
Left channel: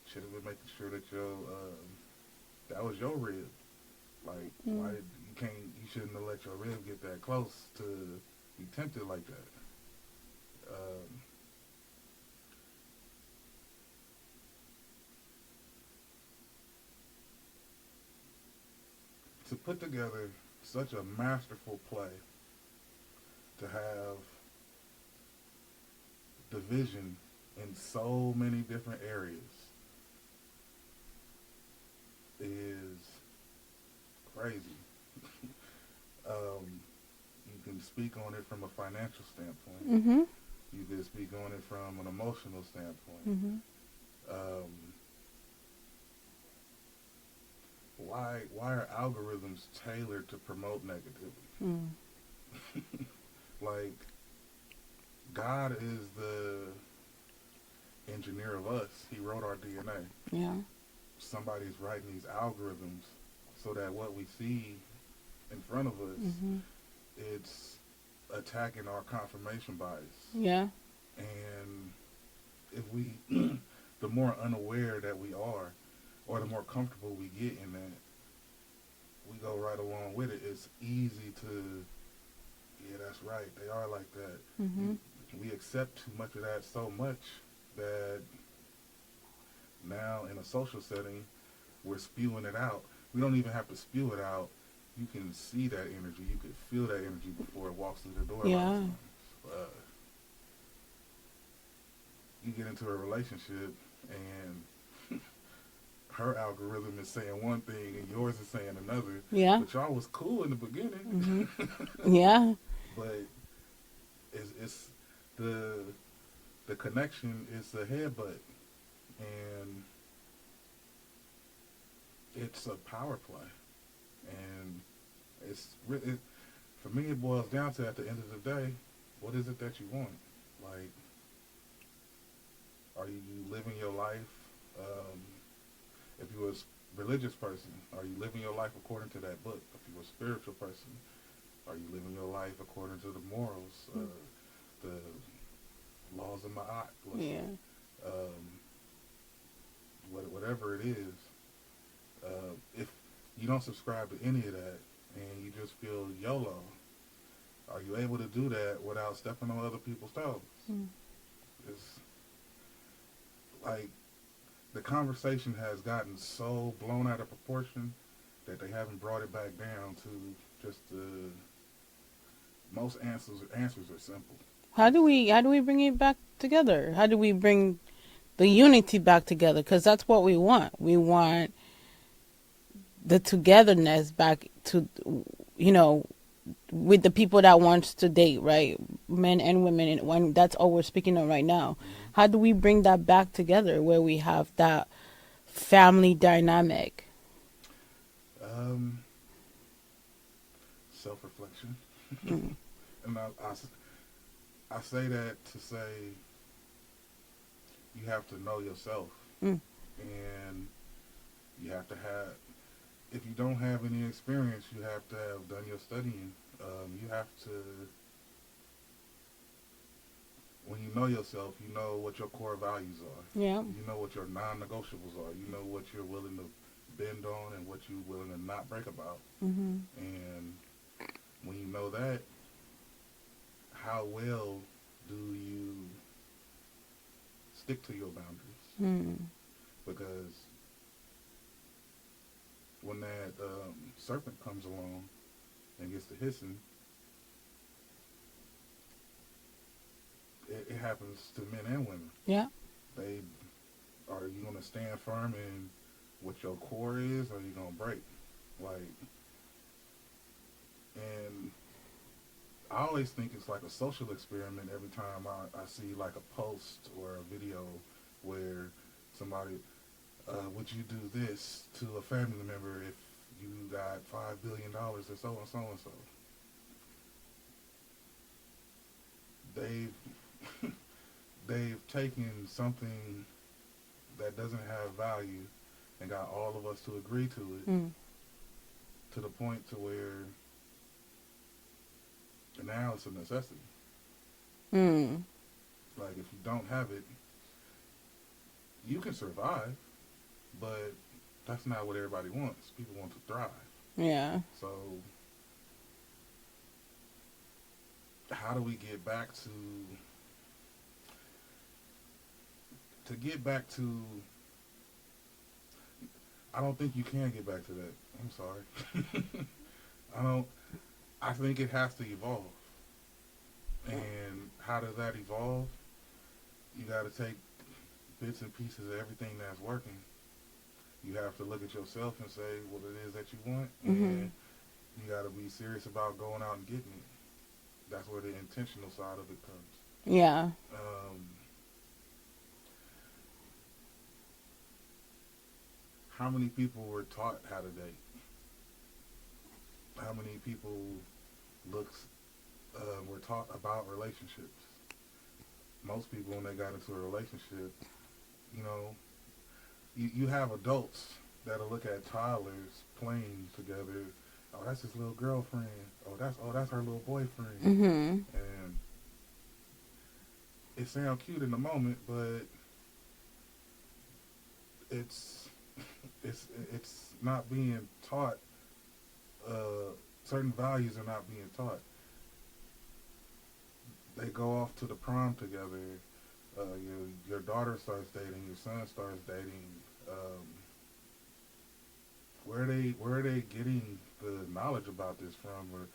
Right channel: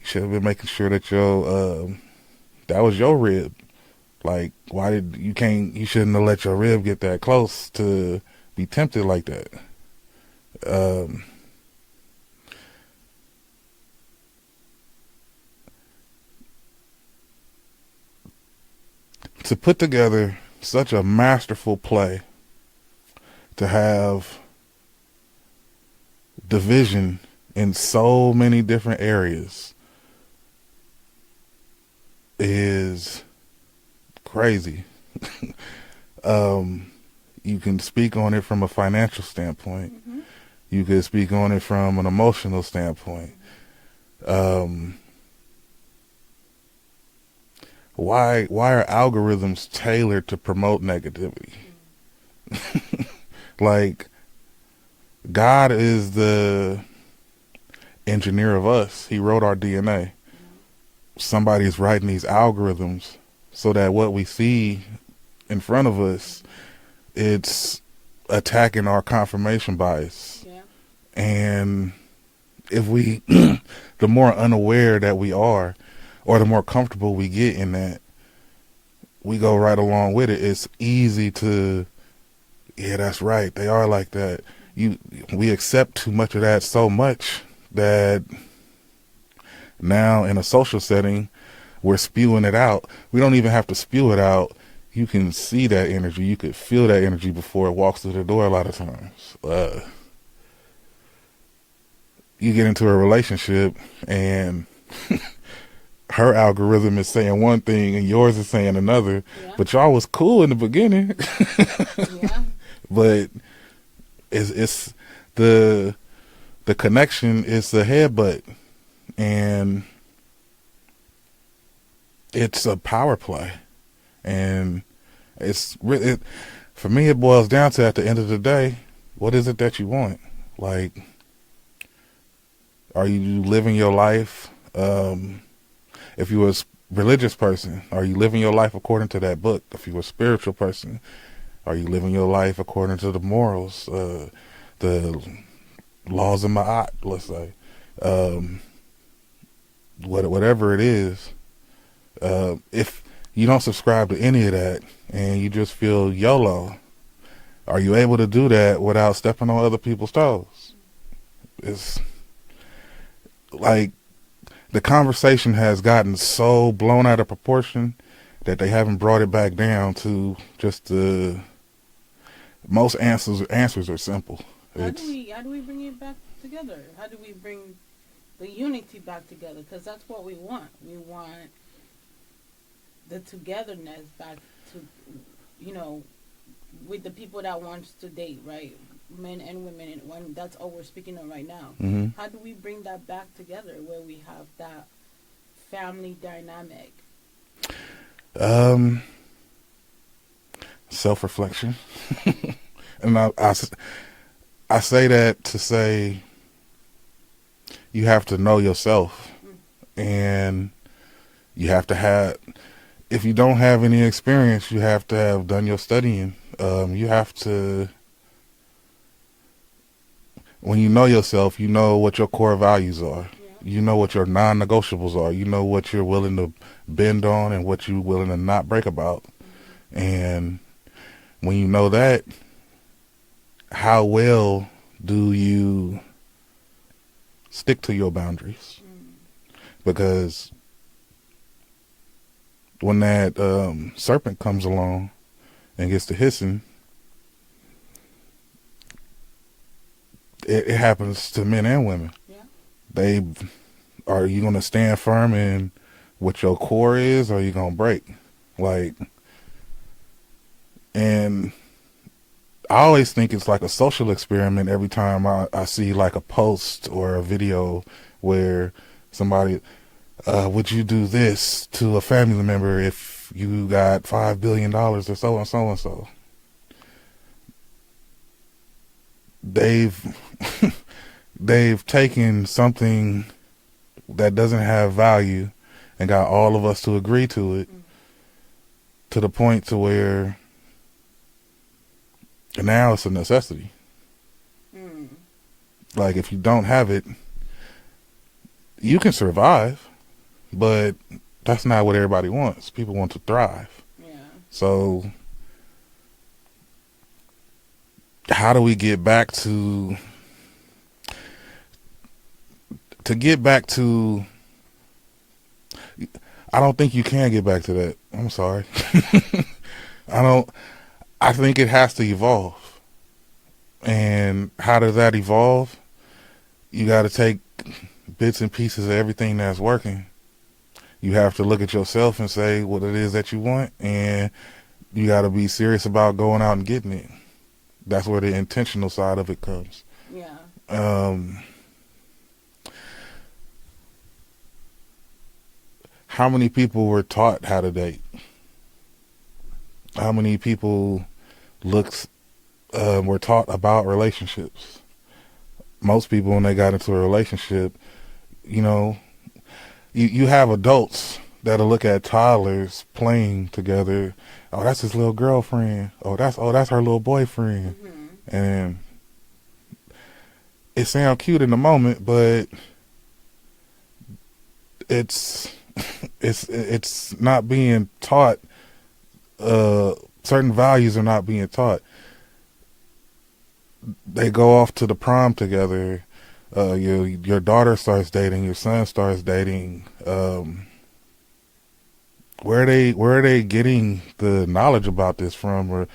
you should have been making sure that that was your rib. Like, why did you shouldn't have let your rib get that close to be tempted like that. to put together such a masterful play, to have division in so many different areas is crazy. You can speak on it from a financial standpoint. Mm-hmm. You could speak on it from an emotional standpoint. Mm-hmm. Why are algorithms tailored to promote negativity? Like, God is the engineer of us. He wrote our DNA. Yeah. Somebody's writing these algorithms so that what we see in front of us, it's attacking our confirmation bias. Yeah. And if we, the more unaware that we are, or the more comfortable we get in that, we go right along with it. It's easy to, yeah, that's right, they are like that. We accept too much of that so much that now in a social setting, we're spewing it out. We don't even have to spew it out. You can see that energy. You could feel that energy before it walks through the door a lot of times. You get into a relationship and her algorithm is saying one thing and yours is saying another. Yeah. But y'all was cool in the beginning. Yeah. But it's the connection is the headbutt, and it's a power play. And it's really, for me, it boils down to, at the end of the day, what is it that you want? Like, are you living your life? If you're a religious person, are you living your life according to that book? If you're a spiritual person, are you living your life according to the morals, the laws of Ma'at, let's say? Whatever it is, if you don't subscribe to any of that and you just feel YOLO, are you able to do that without stepping on other people's toes? It's like, the conversation has gotten so blown out of proportion that they haven't brought it back down to just the most answers are simple. How do we bring it back together? How do we bring the unity back together? Because that's what we want. We want the togetherness back to, with the people that wants to date, right? Men and women, and when that's all we're speaking of right now. How do we bring that back together where we have that family dynamic? Self-reflection. And I say that to say you have to know yourself, and you have to have, if you don't have any experience, you have to have done your studying. You have to, when you know yourself, you know what your core values are. Yeah. You know what your non-negotiables are. You know what you're willing to bend on and what you're willing to not break about. And when you know that, how well do you stick to your boundaries? Because when that serpent comes along and gets to hissing, it happens to men and women. Yeah. Are you going to stand firm in what your core is, or are you going to break? Like, and I always think it's like a social experiment every time I see like a post or a video where somebody, would you do this to a family member if you got $5 billion or so and so and so? They've taken something that doesn't have value and got all of us to agree to it, to the point to where now it's a necessity. Like, if you don't have it, you can survive, but that's not what everybody wants. People want to thrive. Yeah. So how do we get back to I don't think you can get back to that. I'm sorry. I don't. I think it has to evolve. And how does that evolve? You got to take bits and pieces of everything that's working. You have to look at yourself and say what it is that you want, and you got to be serious about going out and getting it. That's where the intentional side of it comes. Yeah. How many people were taught how to date? How many people were taught about relationships? Most people, when they got into a relationship, you know, you have adults that'll look at toddlers playing together. Oh, that's his little girlfriend. Oh, that's her little boyfriend. And it sounds cute in the moment, but it's it's not being taught. Certain values are not being taught. They go off to the prom together. Your daughter starts dating. Your son starts dating. Where are they getting the knowledge about this from? Or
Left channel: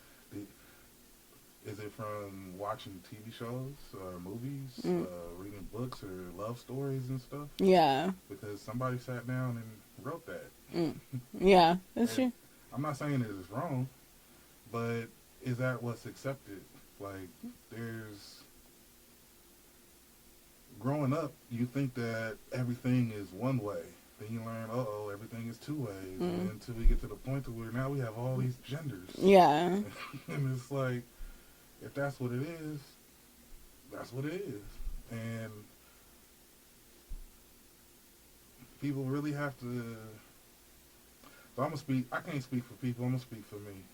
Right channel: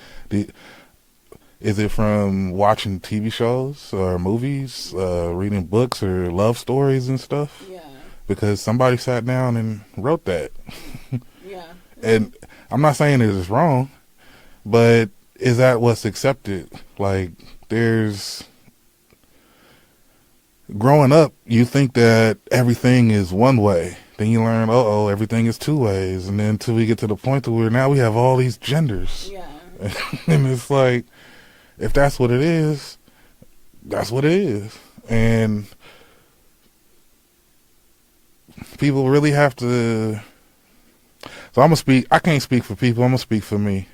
is it from watching TV shows or movies, reading books or love stories and stuff? Yeah. Because somebody sat down and wrote that. Yeah. And I'm not saying it is wrong, but is that what's accepted? Like, there's growing up, you think that everything is one way. Then you learn, everything is two ways. And then until we get to the point where now we have all these genders. Yeah. And it's like, if that's what it is, that's what it is. And people really have to. So I'm going to speak. I can't speak for people. I'm going to speak for me.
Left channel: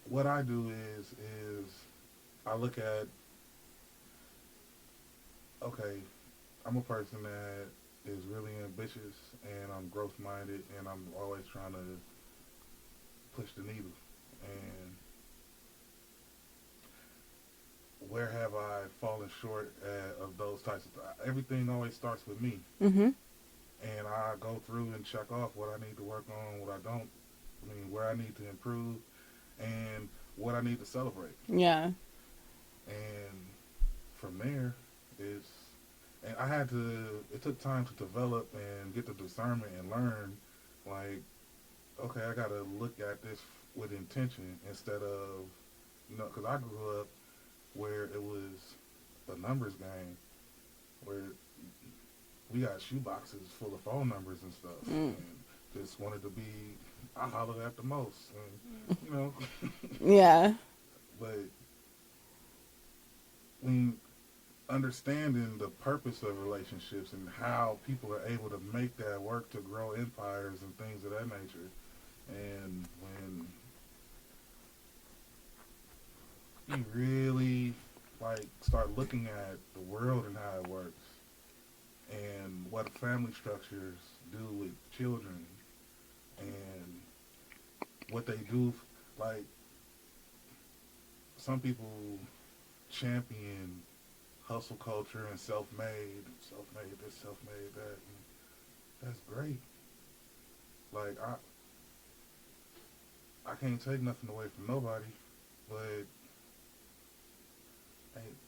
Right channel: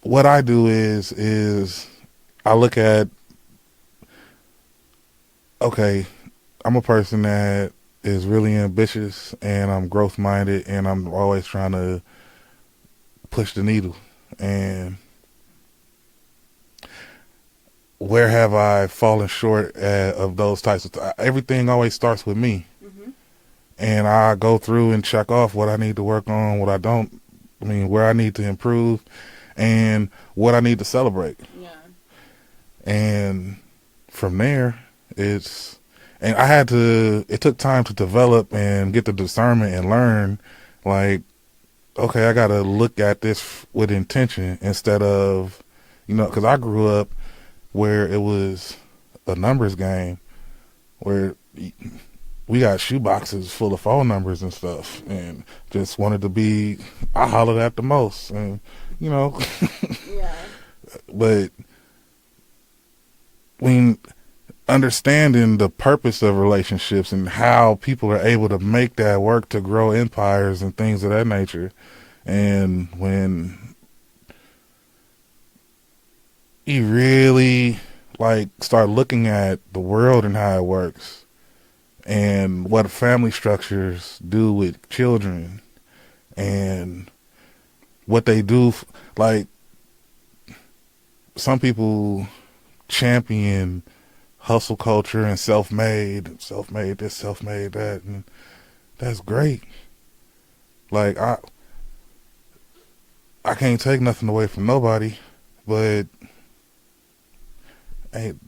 What I do is I look at, okay, I'm a person that is really ambitious and I'm growth minded and I'm always trying to push the needle. And where have I fallen short of those types of everything always starts with me. And I go through and check off what I need to work on, what I don't, where I need to improve, and what I need to celebrate. Yeah. And from there, it took time to develop and get the discernment and learn, like, okay, I got to look at this with intention instead of, because I grew up where it was a numbers game where we got shoe boxes full of phone numbers and stuff and just wanted to be, I hollered at the most and, Yeah. But when understanding the purpose of relationships and how people are able to make that work to grow empires and things of that nature, and when you really start looking at the world and how it works and what family structures do with children and what they do, some people champion hustle culture and self-made this, self-made that, and that's great. I can't take nothing away from nobody, but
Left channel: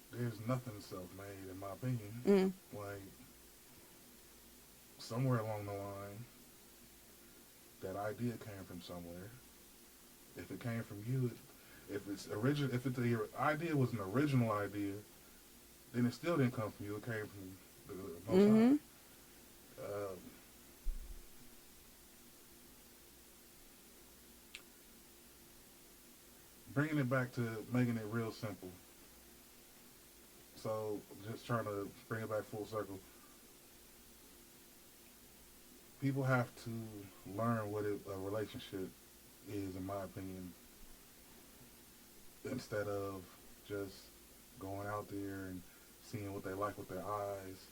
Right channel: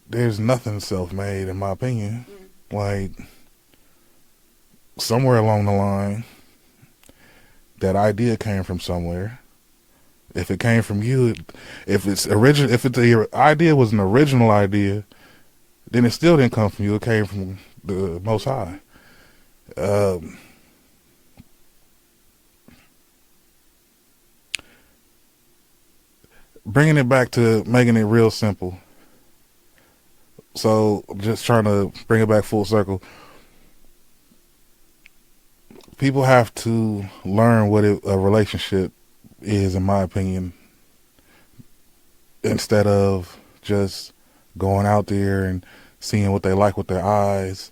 there's nothing self-made in my opinion. Somewhere along the line, that idea came from somewhere. If it came from you, if the idea was an original idea, then it still didn't come from you. It came from the Most High. Bringing it back to making it real simple. So just trying to bring it back full circle. People have to learn what a relationship is, in my opinion, instead of just going out there and seeing what they like with their eyes.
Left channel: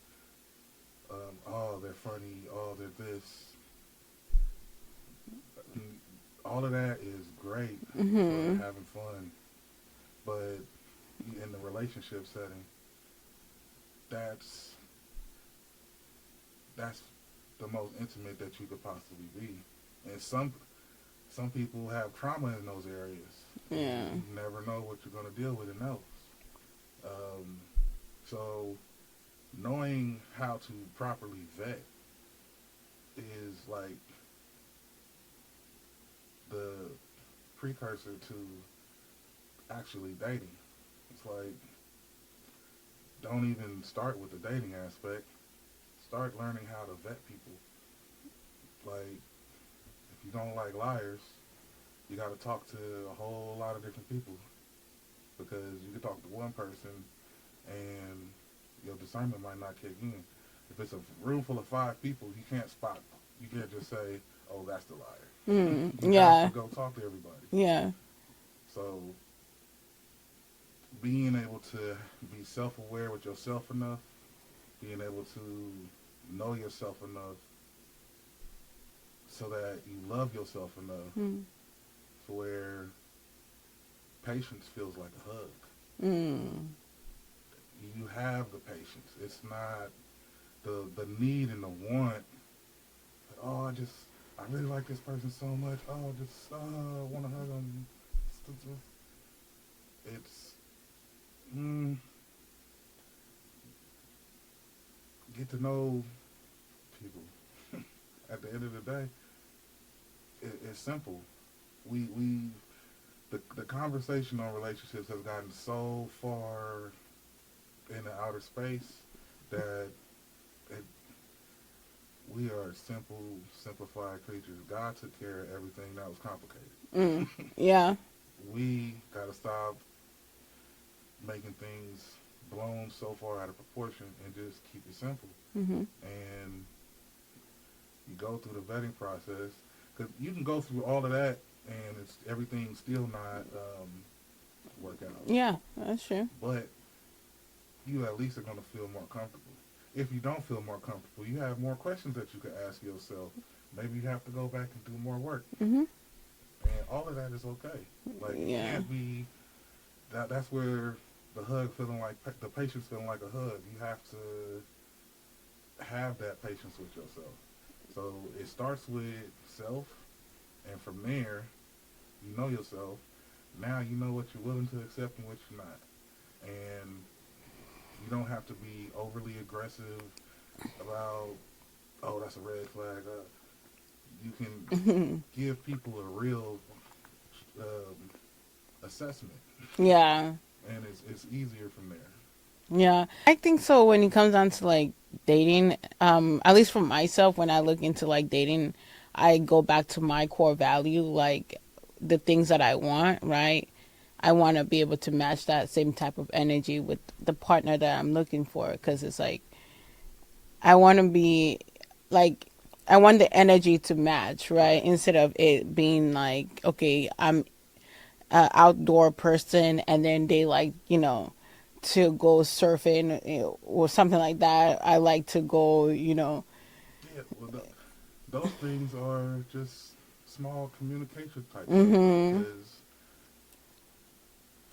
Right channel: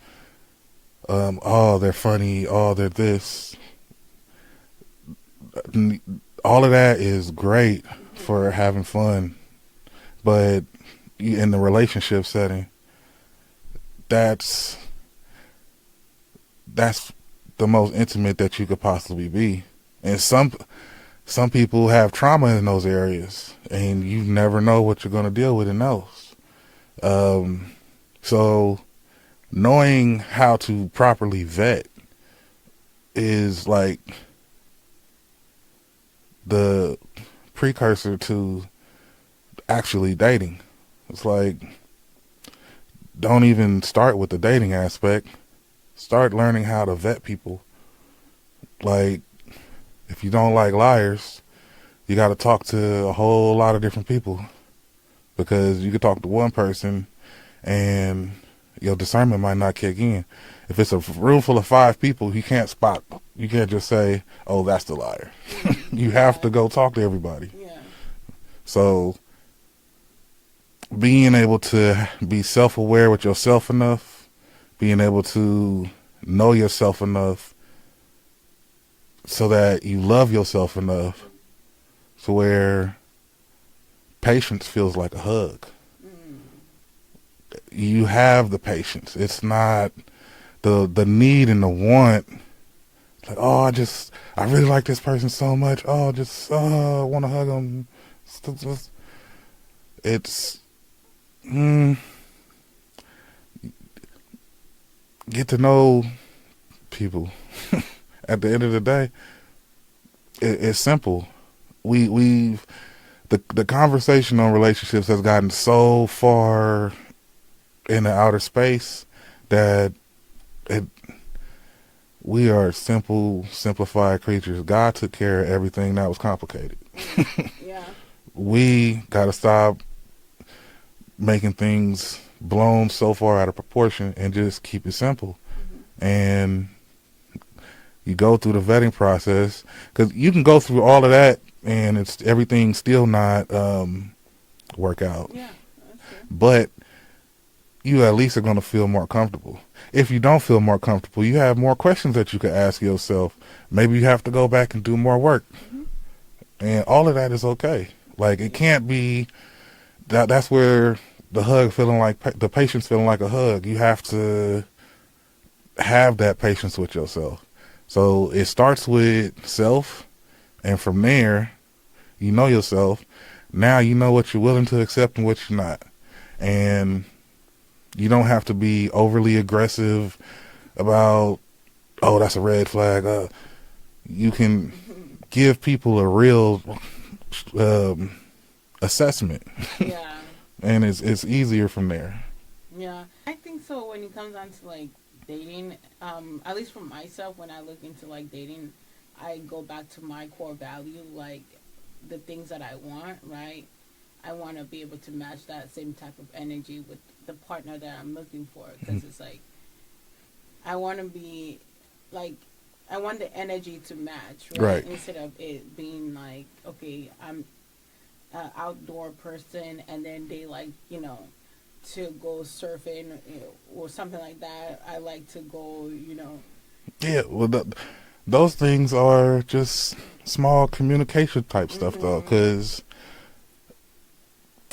They're funny. Oh, they're this. All of that is great for having fun, but in the relationship setting, that's the most intimate that you could possibly be. And some people have trauma in those areas, and Yeah. you never know what you're going to deal with in those. So knowing how to properly vet is like the precursor to actually dating. It's like, don't even start with the dating aspect. Start learning how to vet people. Like, if you don't like liars, you got to talk to a whole lot of different people, because you could talk to one person and your discernment might not kick in. If it's a room full of 5 people, you can't just say, oh, that's the liar. You have to Yeah. go talk to everybody. Yeah. So being able to be self-aware with yourself enough, being able to know yourself enough so that you love yourself enough Mm. to where patience feels like a hug. Mm. You have the patience. It's not the need and the want. Like, oh, I really like this person so much. Oh, I want to hug them. It's get to know people. At the end of the day, it's simple. We've the conversation on relationships has gotten so far in the outer space that it, we are simple, simplified creatures. God took care of everything that was complicated. Mm. Yeah. We got to stop making things blown so far out of proportion and just keep it simple. Mm-hmm. And you go through the vetting process, because you can go through all of that and it's everything still not work out. Yeah, that's true. But you at least are going to feel more comfortable. If you don't feel more comfortable, you have more questions that you could ask yourself. Maybe you have to go back and do more work. Mm-hmm. And all of that is okay. Like, it Yeah. can't be that's where the hug feeling like the patience feeling like a hug. You have to have that patience with yourself. So it starts with self, and from there, you know yourself. Now you know what you're willing to accept and what you're not. And you don't have to be overly aggressive about, oh, that's a red flag. You can give people a real assessment, Yeah. and it's easier from there. Yeah. I think so when it comes down to like dating, at least for myself, when I look into like dating, I go back to my core value, like the things that I want, right? I want to be able to match that same type of energy with the partner that I'm looking for, because it's like I want to be like I want the energy to match, right? Right. Instead of it being like, okay, I'm an outdoor person and then they like, to go surfing, or something like that. I like to go, Yeah. Well, those things are just small communication type stuff, though, mhm. because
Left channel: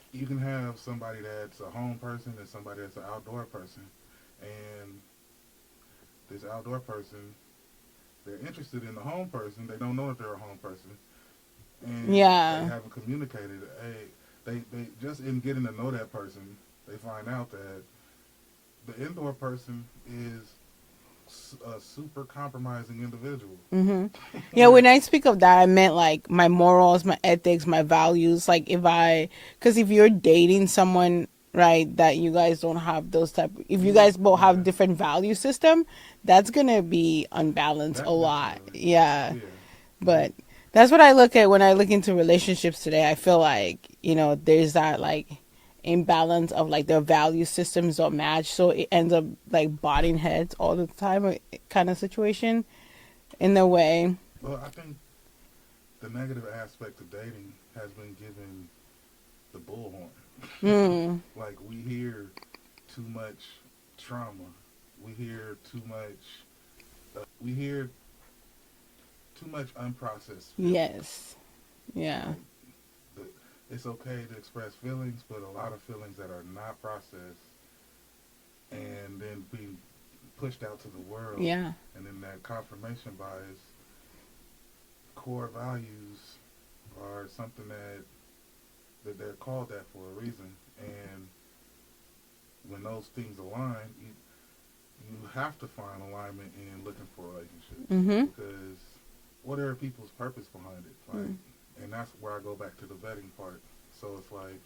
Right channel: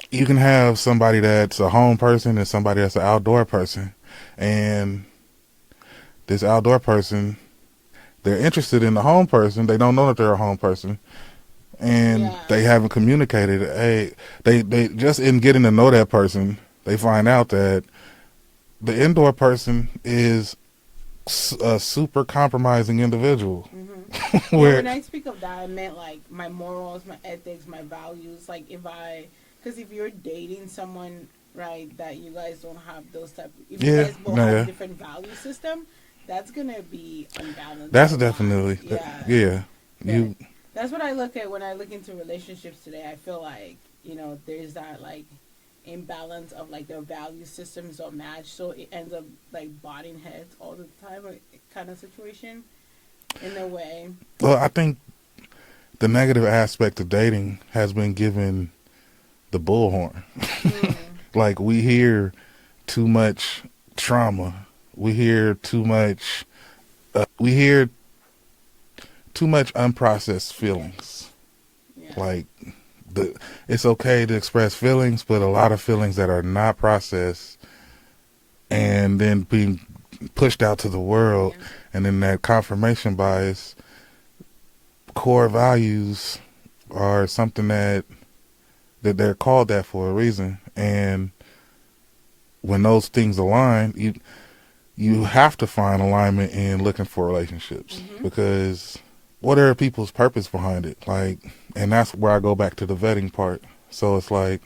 you can have somebody that's a home person and somebody that's an outdoor person, and this outdoor person, they're interested in the home person. They don't know that they're a home person, and they Yeah. haven't communicated. Hey, they just in getting to know that person, they find out that the indoor person is a super compromising individual. Mhm. Yeah, Where when I speak of that, I meant like my morals, my ethics, my values. Like because if you're dating someone, right, that you guys don't have those type, if you yeah, guys both have nah, different value system, that's gonna be unbalanced a that's lot. definitely Yeah, yeah. but You that's what I look at when I look into relationships today. I feel like there's that like imbalance of like their value systems don't match, so it ends up like butting heads all the time, kind of situation in a way. well, I think the negative aspect of dating has been given the bullhorn. Mm. Like, we hear too much trauma. We hear too much. We hear too much unprocessed feelings. Yes. Yeah. Like, it's okay to express feelings, but a lot of feelings that are not processed, and then being pushed out to the world, Yeah. and then that confirmation bias. Core values are something that they're called that for a reason, and when those things align, you have to find alignment in looking for relationships, Mm-hmm. because what are people's purpose behind it? Like, and that's where I go back to the vetting part. So it's like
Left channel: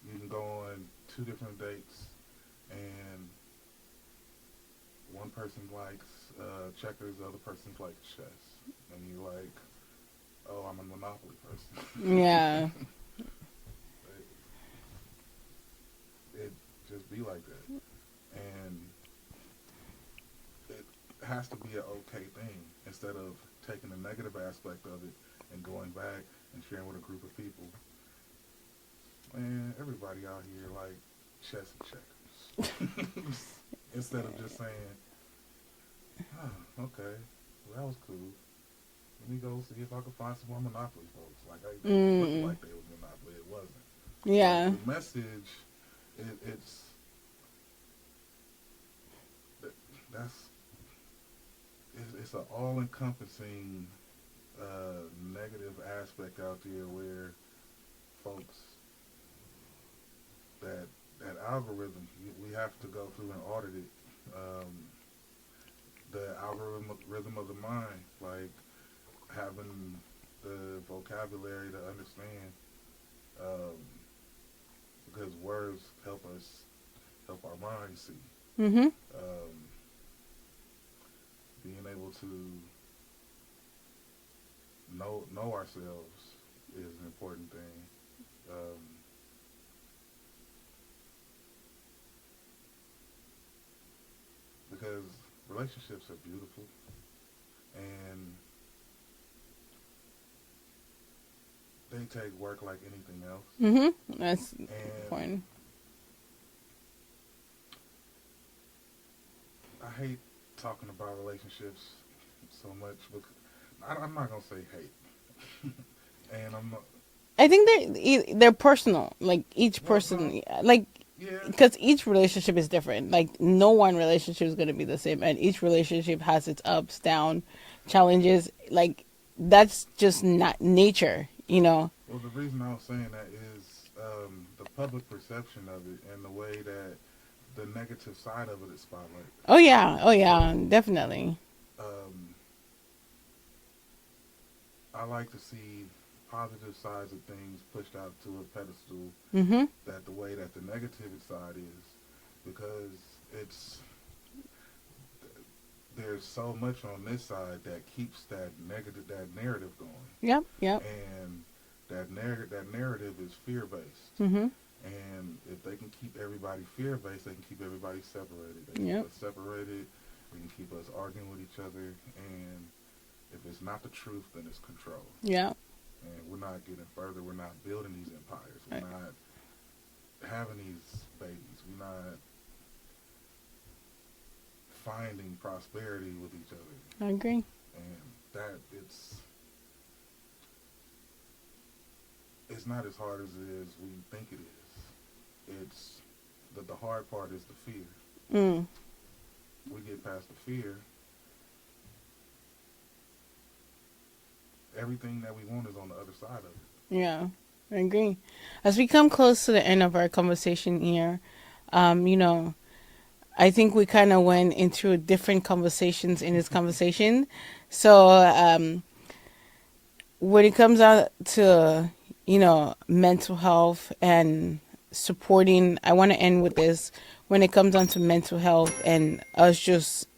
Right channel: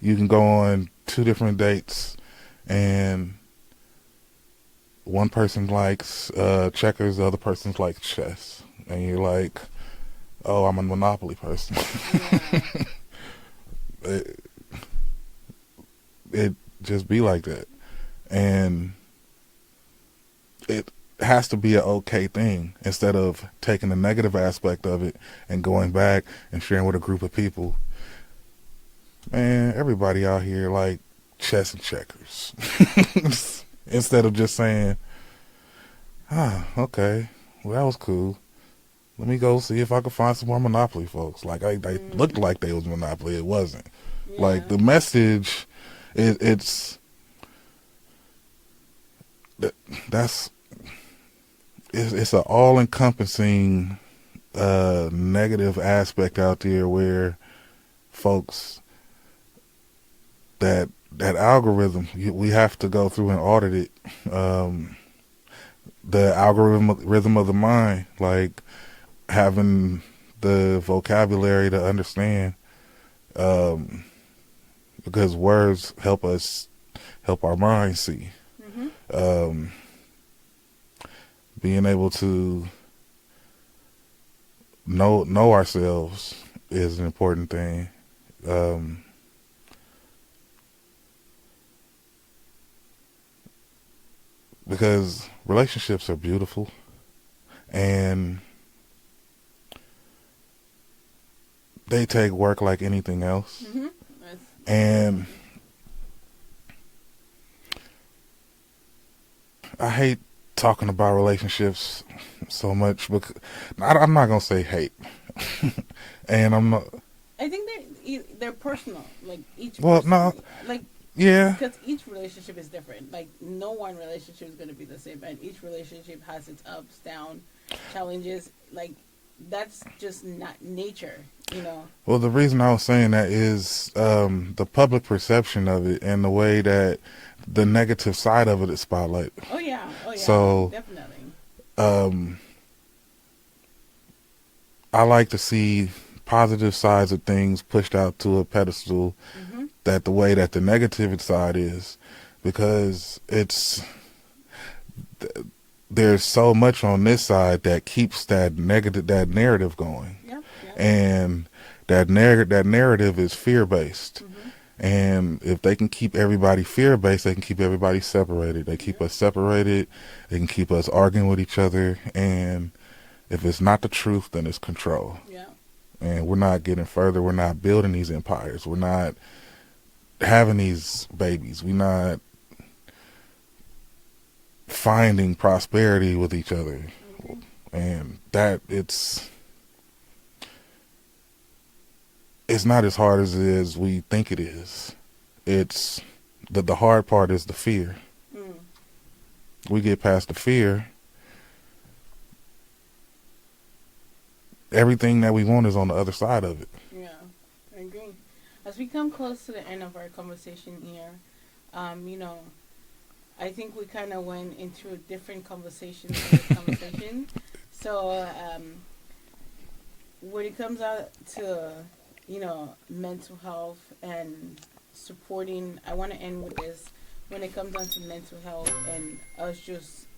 you can go on two different dates, and one person likes checkers, the other person likes chess, and you're like, oh, I'm a Monopoly person. Yeah. it, it just be like that, and it has to be an okay thing, instead of taking the negative aspect of it and going back and sharing with a group of people. Man, everybody out here like chess and checkers. Instead of just saying, okay, well, that was cool. Let me go see if I can find some more Monopoly folks. Like, they looked like they was Monopoly. It wasn't. Like, Yeah. the message, it's that's it's an all encompassing negative aspect out there, where folks, that algorithm, we have to go through and audit it. The algorithm rhythm of the mind, like having the vocabulary to understand, um, because words help our minds see. Mm-hmm. Um, being able to know ourselves is an important thing. Um, because relationships are beautiful, and they take work like anything else. Mm-hmm. That's And important. I hate talking about relationships so much, because I'm not gonna say hate, and I'm not. I think they're personal. Like each Well, no, person, like yeah. because each relationship is different. Like no one relationship is going to be the same, and each relationship has its ups, down, challenges. Like that's just not nature, you know. Well, the reason I was saying that is the public perception of it, and the way that the negative side of it is spotlighted. Oh yeah, So definitely. um, I like to see positive sides of things pushed out to a pedestal, Mm-hmm. that the way that the negative side is, because there's so much on this side that keeps that narrative going, Yep. Yep. and that narrative is fear based. Mm-hmm. And if they can keep everybody fear based, they can keep everybody separated. They keep Yep. us separated. They can keep us arguing with each other. And if it's not the truth, then it's control. Yeah. And we're not getting further. We're not building these empires. We're not having these babies. We're not finding prosperity with each other. I agree. And that it's not as hard as it is we think it is. It's the hard part is the fear. Mm. We get past the fear, everything that we want is on the other side of it. Yeah, I agree. As we come close to the end of our conversation here, you know, I think we kind of went into different conversations in this conversation. So, when it comes out to, you know, mental health and supporting, I want to end with this. When it comes down to mental health and us just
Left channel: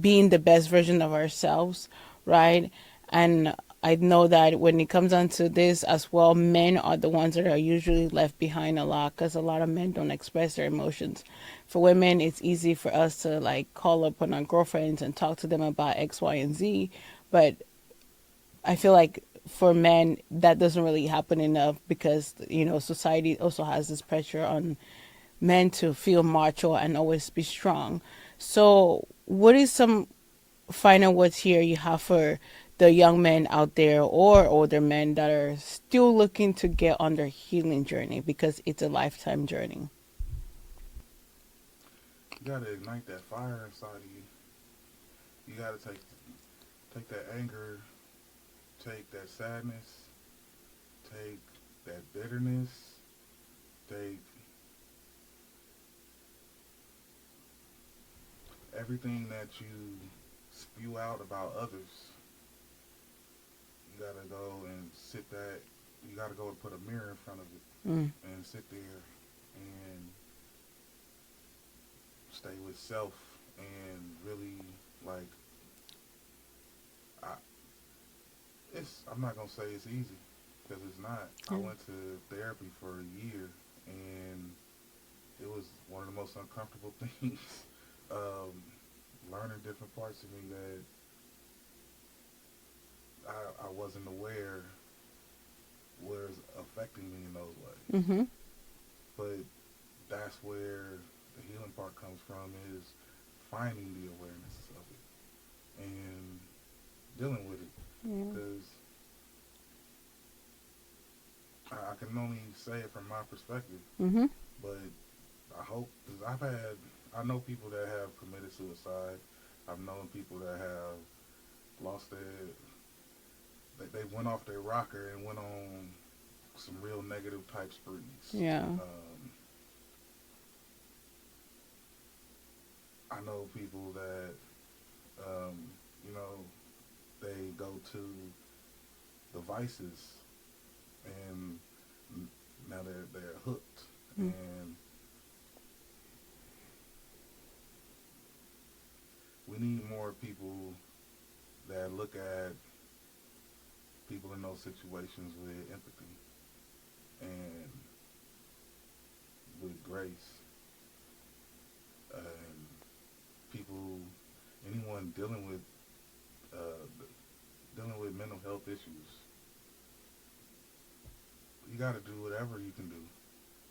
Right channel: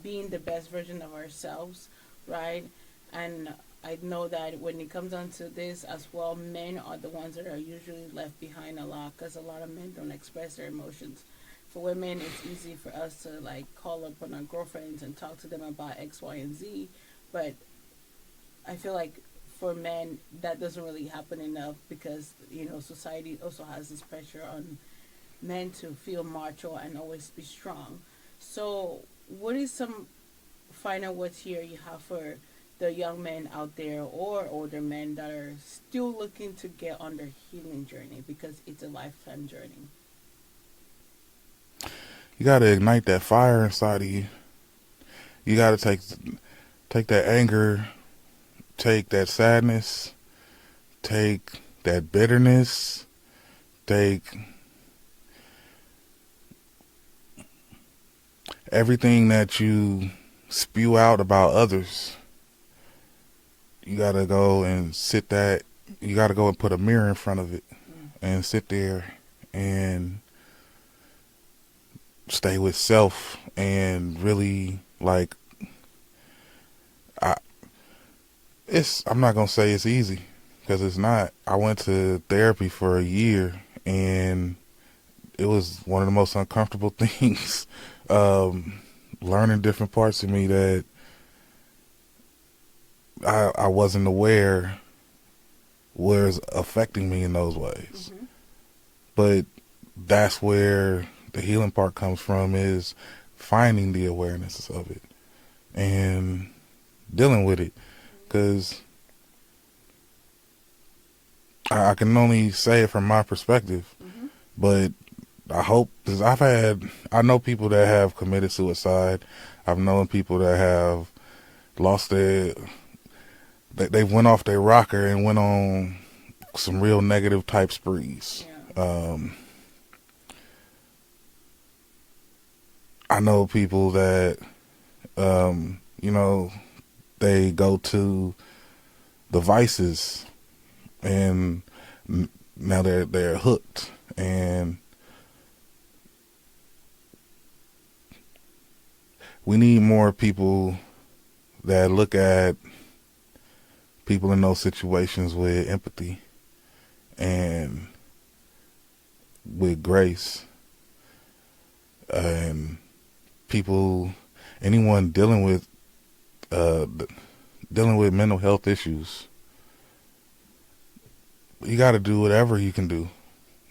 being the best version of ourselves, right? And I know that when it comes down to this as well, men are the ones that are usually left behind a lot, because a lot of men don't express their emotions. For women, it's easy for us to like call up on our girlfriends and talk to them about X, Y, and Z. But I feel like for men, that doesn't really happen enough, because, you know, society also has this pressure on men to feel macho and always be strong. So, what is some final words here you have for the young men out there or older men that are still looking to get on their healing journey, because it's a lifetime journey? you got to ignite that fire inside of you. You got to take that anger, take that sadness, take that bitterness, take everything that you spew out about others. You got to go and you got to go and put a mirror in front of it and sit there and stay with self and really like I I'm not gonna say it's easy because it's not. I went to therapy for a year and it was one of the most uncomfortable things. Learning different parts of me that I wasn't aware was affecting me in those ways. Mm-hmm. But that's where the healing part comes from, is finding the awareness of it and dealing with it. Because I can only say it from my perspective, Mm-hmm. but I hope, because I know people that have committed suicide. I've known people that have lost they went off their rocker and went on some real negative type sprees. Yeah. I know people that, they go to the vices and now they're hooked. And we need more people that look at people in those situations with empathy and with grace. And anyone dealing with mental health issues, you got to do whatever you can do.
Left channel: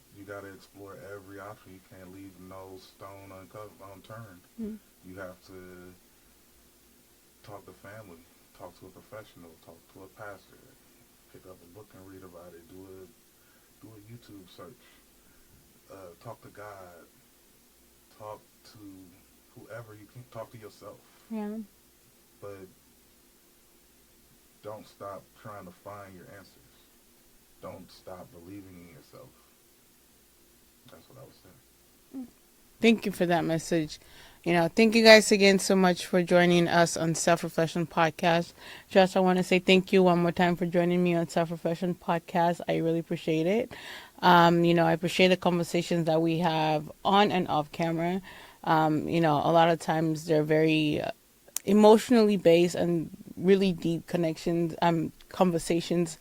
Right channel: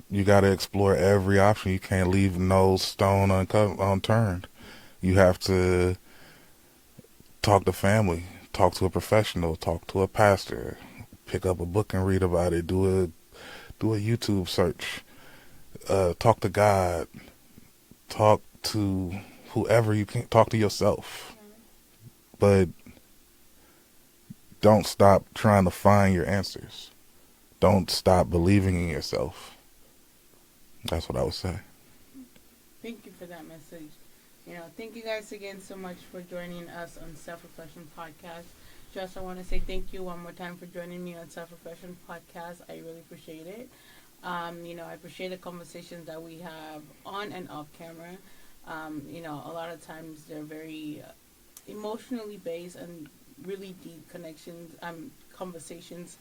You got to explore every option. You can't leave no stone unturned. Mm-hmm. You have to talk to family, talk to a professional, talk to a pastor, pick up a book and read about it, do a YouTube search, talk to God, talk to whoever you can, talk to yourself. Yeah. But don't stop trying to find your answers. Don't stop believing in yourself. That's what I would say. Thank you for that message. Thank you guys again so much for joining us on Self-Reflection Podcast. Josh, I want to say thank you one more time for joining me on Self-Reflection Podcast. I really appreciate it. I appreciate the conversations that we have on and off camera. A lot of times they're very emotionally based and really deep conversations,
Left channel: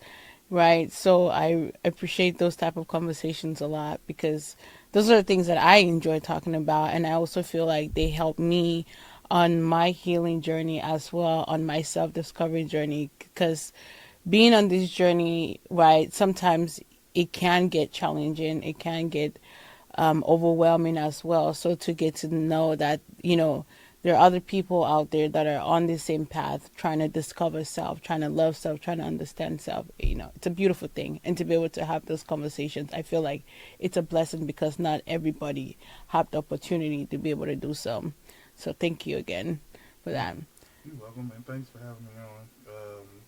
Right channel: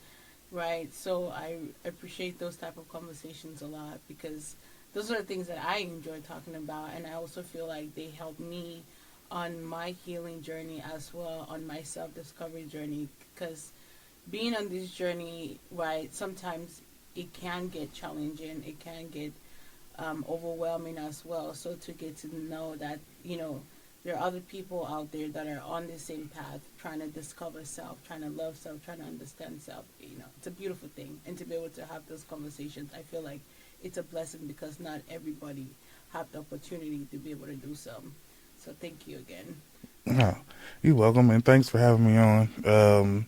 right? So I appreciate those type of conversations a lot because those are the things that I enjoy talking about, and I also feel like they help me on my healing journey as well, on my self-discovery journey, because being on this journey, right, sometimes it can get challenging, it can get overwhelming as well. So to get to know that, there are other people out there that are on the same path, trying to discover self, trying to love self, trying to understand self. It's a beautiful thing. And to be able to have those conversations, I feel like it's a blessing because not everybody have the opportunity to be able to do so. So thank you again for that. You're welcome, and thanks for having me on.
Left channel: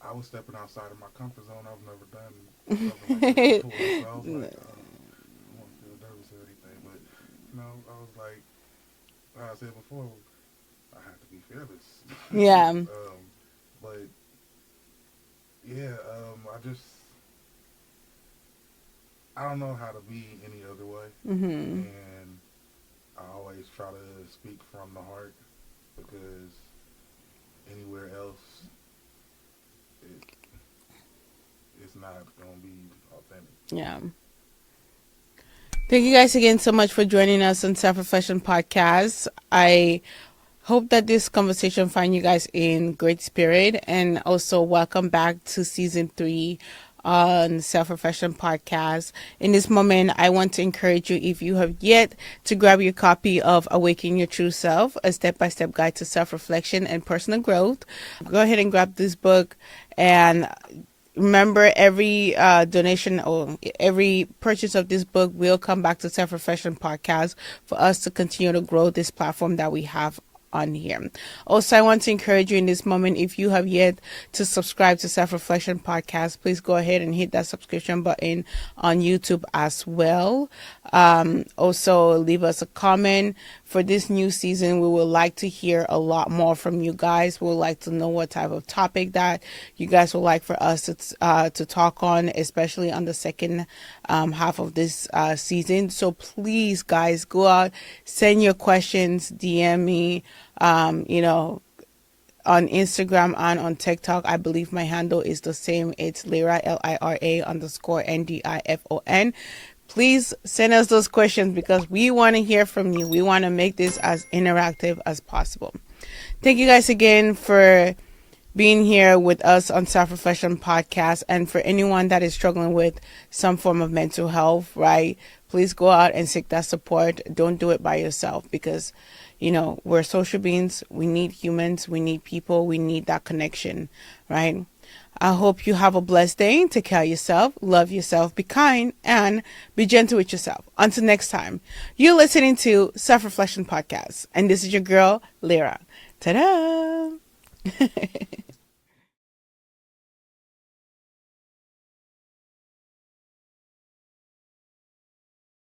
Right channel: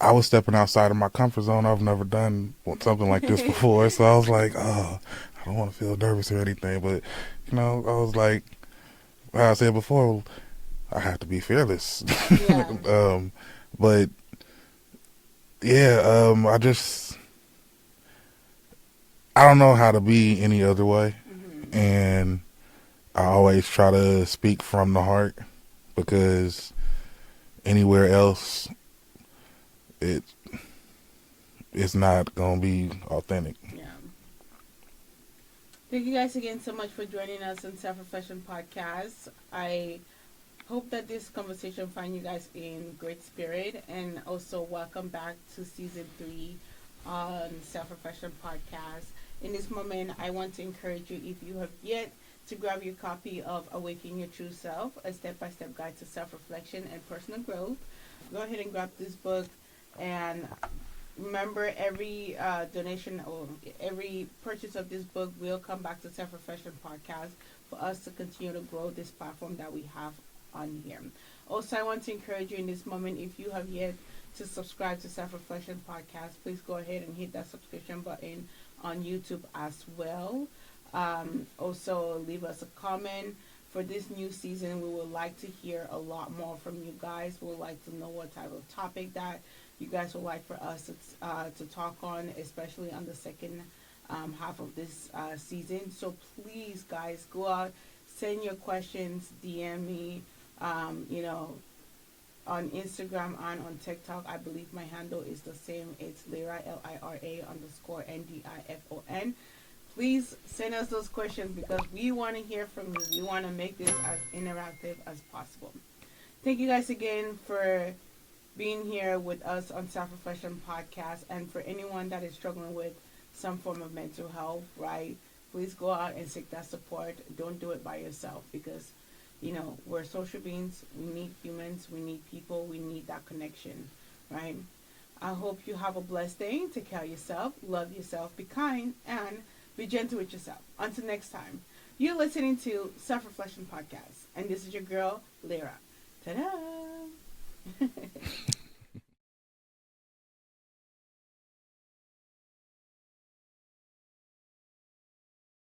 I was stepping outside of my comfort zone. I've never done something like this before, so I was like, oh, I don't want to feel nervous or anything. But, I was like, like I said before, I have to be fearless. Yeah. But yeah, I don't know how to be any other way. Mm-hmm. And I always try to speak from the heart, because anywhere else, it's not going to be authentic. Yeah. Thank you guys again so much for joining us on Self-Reflection Podcast. I hope that this conversation find you guys in great spirit, and also welcome back to season 3 on Self-Reflection Podcast. In this moment, I want to encourage you, if you have yet to grab your copy of Awakening Your True Self, a step-by-step guide to self-reflection and personal growth, go ahead and grab this book and remember, every donation or every purchase of this book will come back to Self Reflection Podcast for us to continue to grow this platform that we have on here. Also, I want to encourage you in this moment, if you have yet to subscribe to Self Reflection Podcast, please go ahead and hit that subscription button on YouTube as well. Also, leave us a comment. For this new season, we would like to hear a lot more from you guys. We would like to know what type of topic that you guys would like for us to talk on, especially on the second half of this season. So please, guys, go out, send your questions, DM me, you know, on Instagram and on TikTok. I believe my handle is the same. It's Lira, Lira_Ndifon. Please send us those questions because we want to hear from you. We want to make this as interactive as possible. Thank you guys again for being here with us on Self Reflection Podcast. And for anyone that is struggling with some form of mental health, right, please go out and seek that support. Don't do it by yourself because, you know, we're social beings. We need humans. We need people. We need that connection, right? I hope you have a blessed day. Take care of yourself, love yourself, be kind, and be gentle with yourself. Until next time, you're listening to Self Reflection Podcast, and this is your girl, Lira. Ta-da!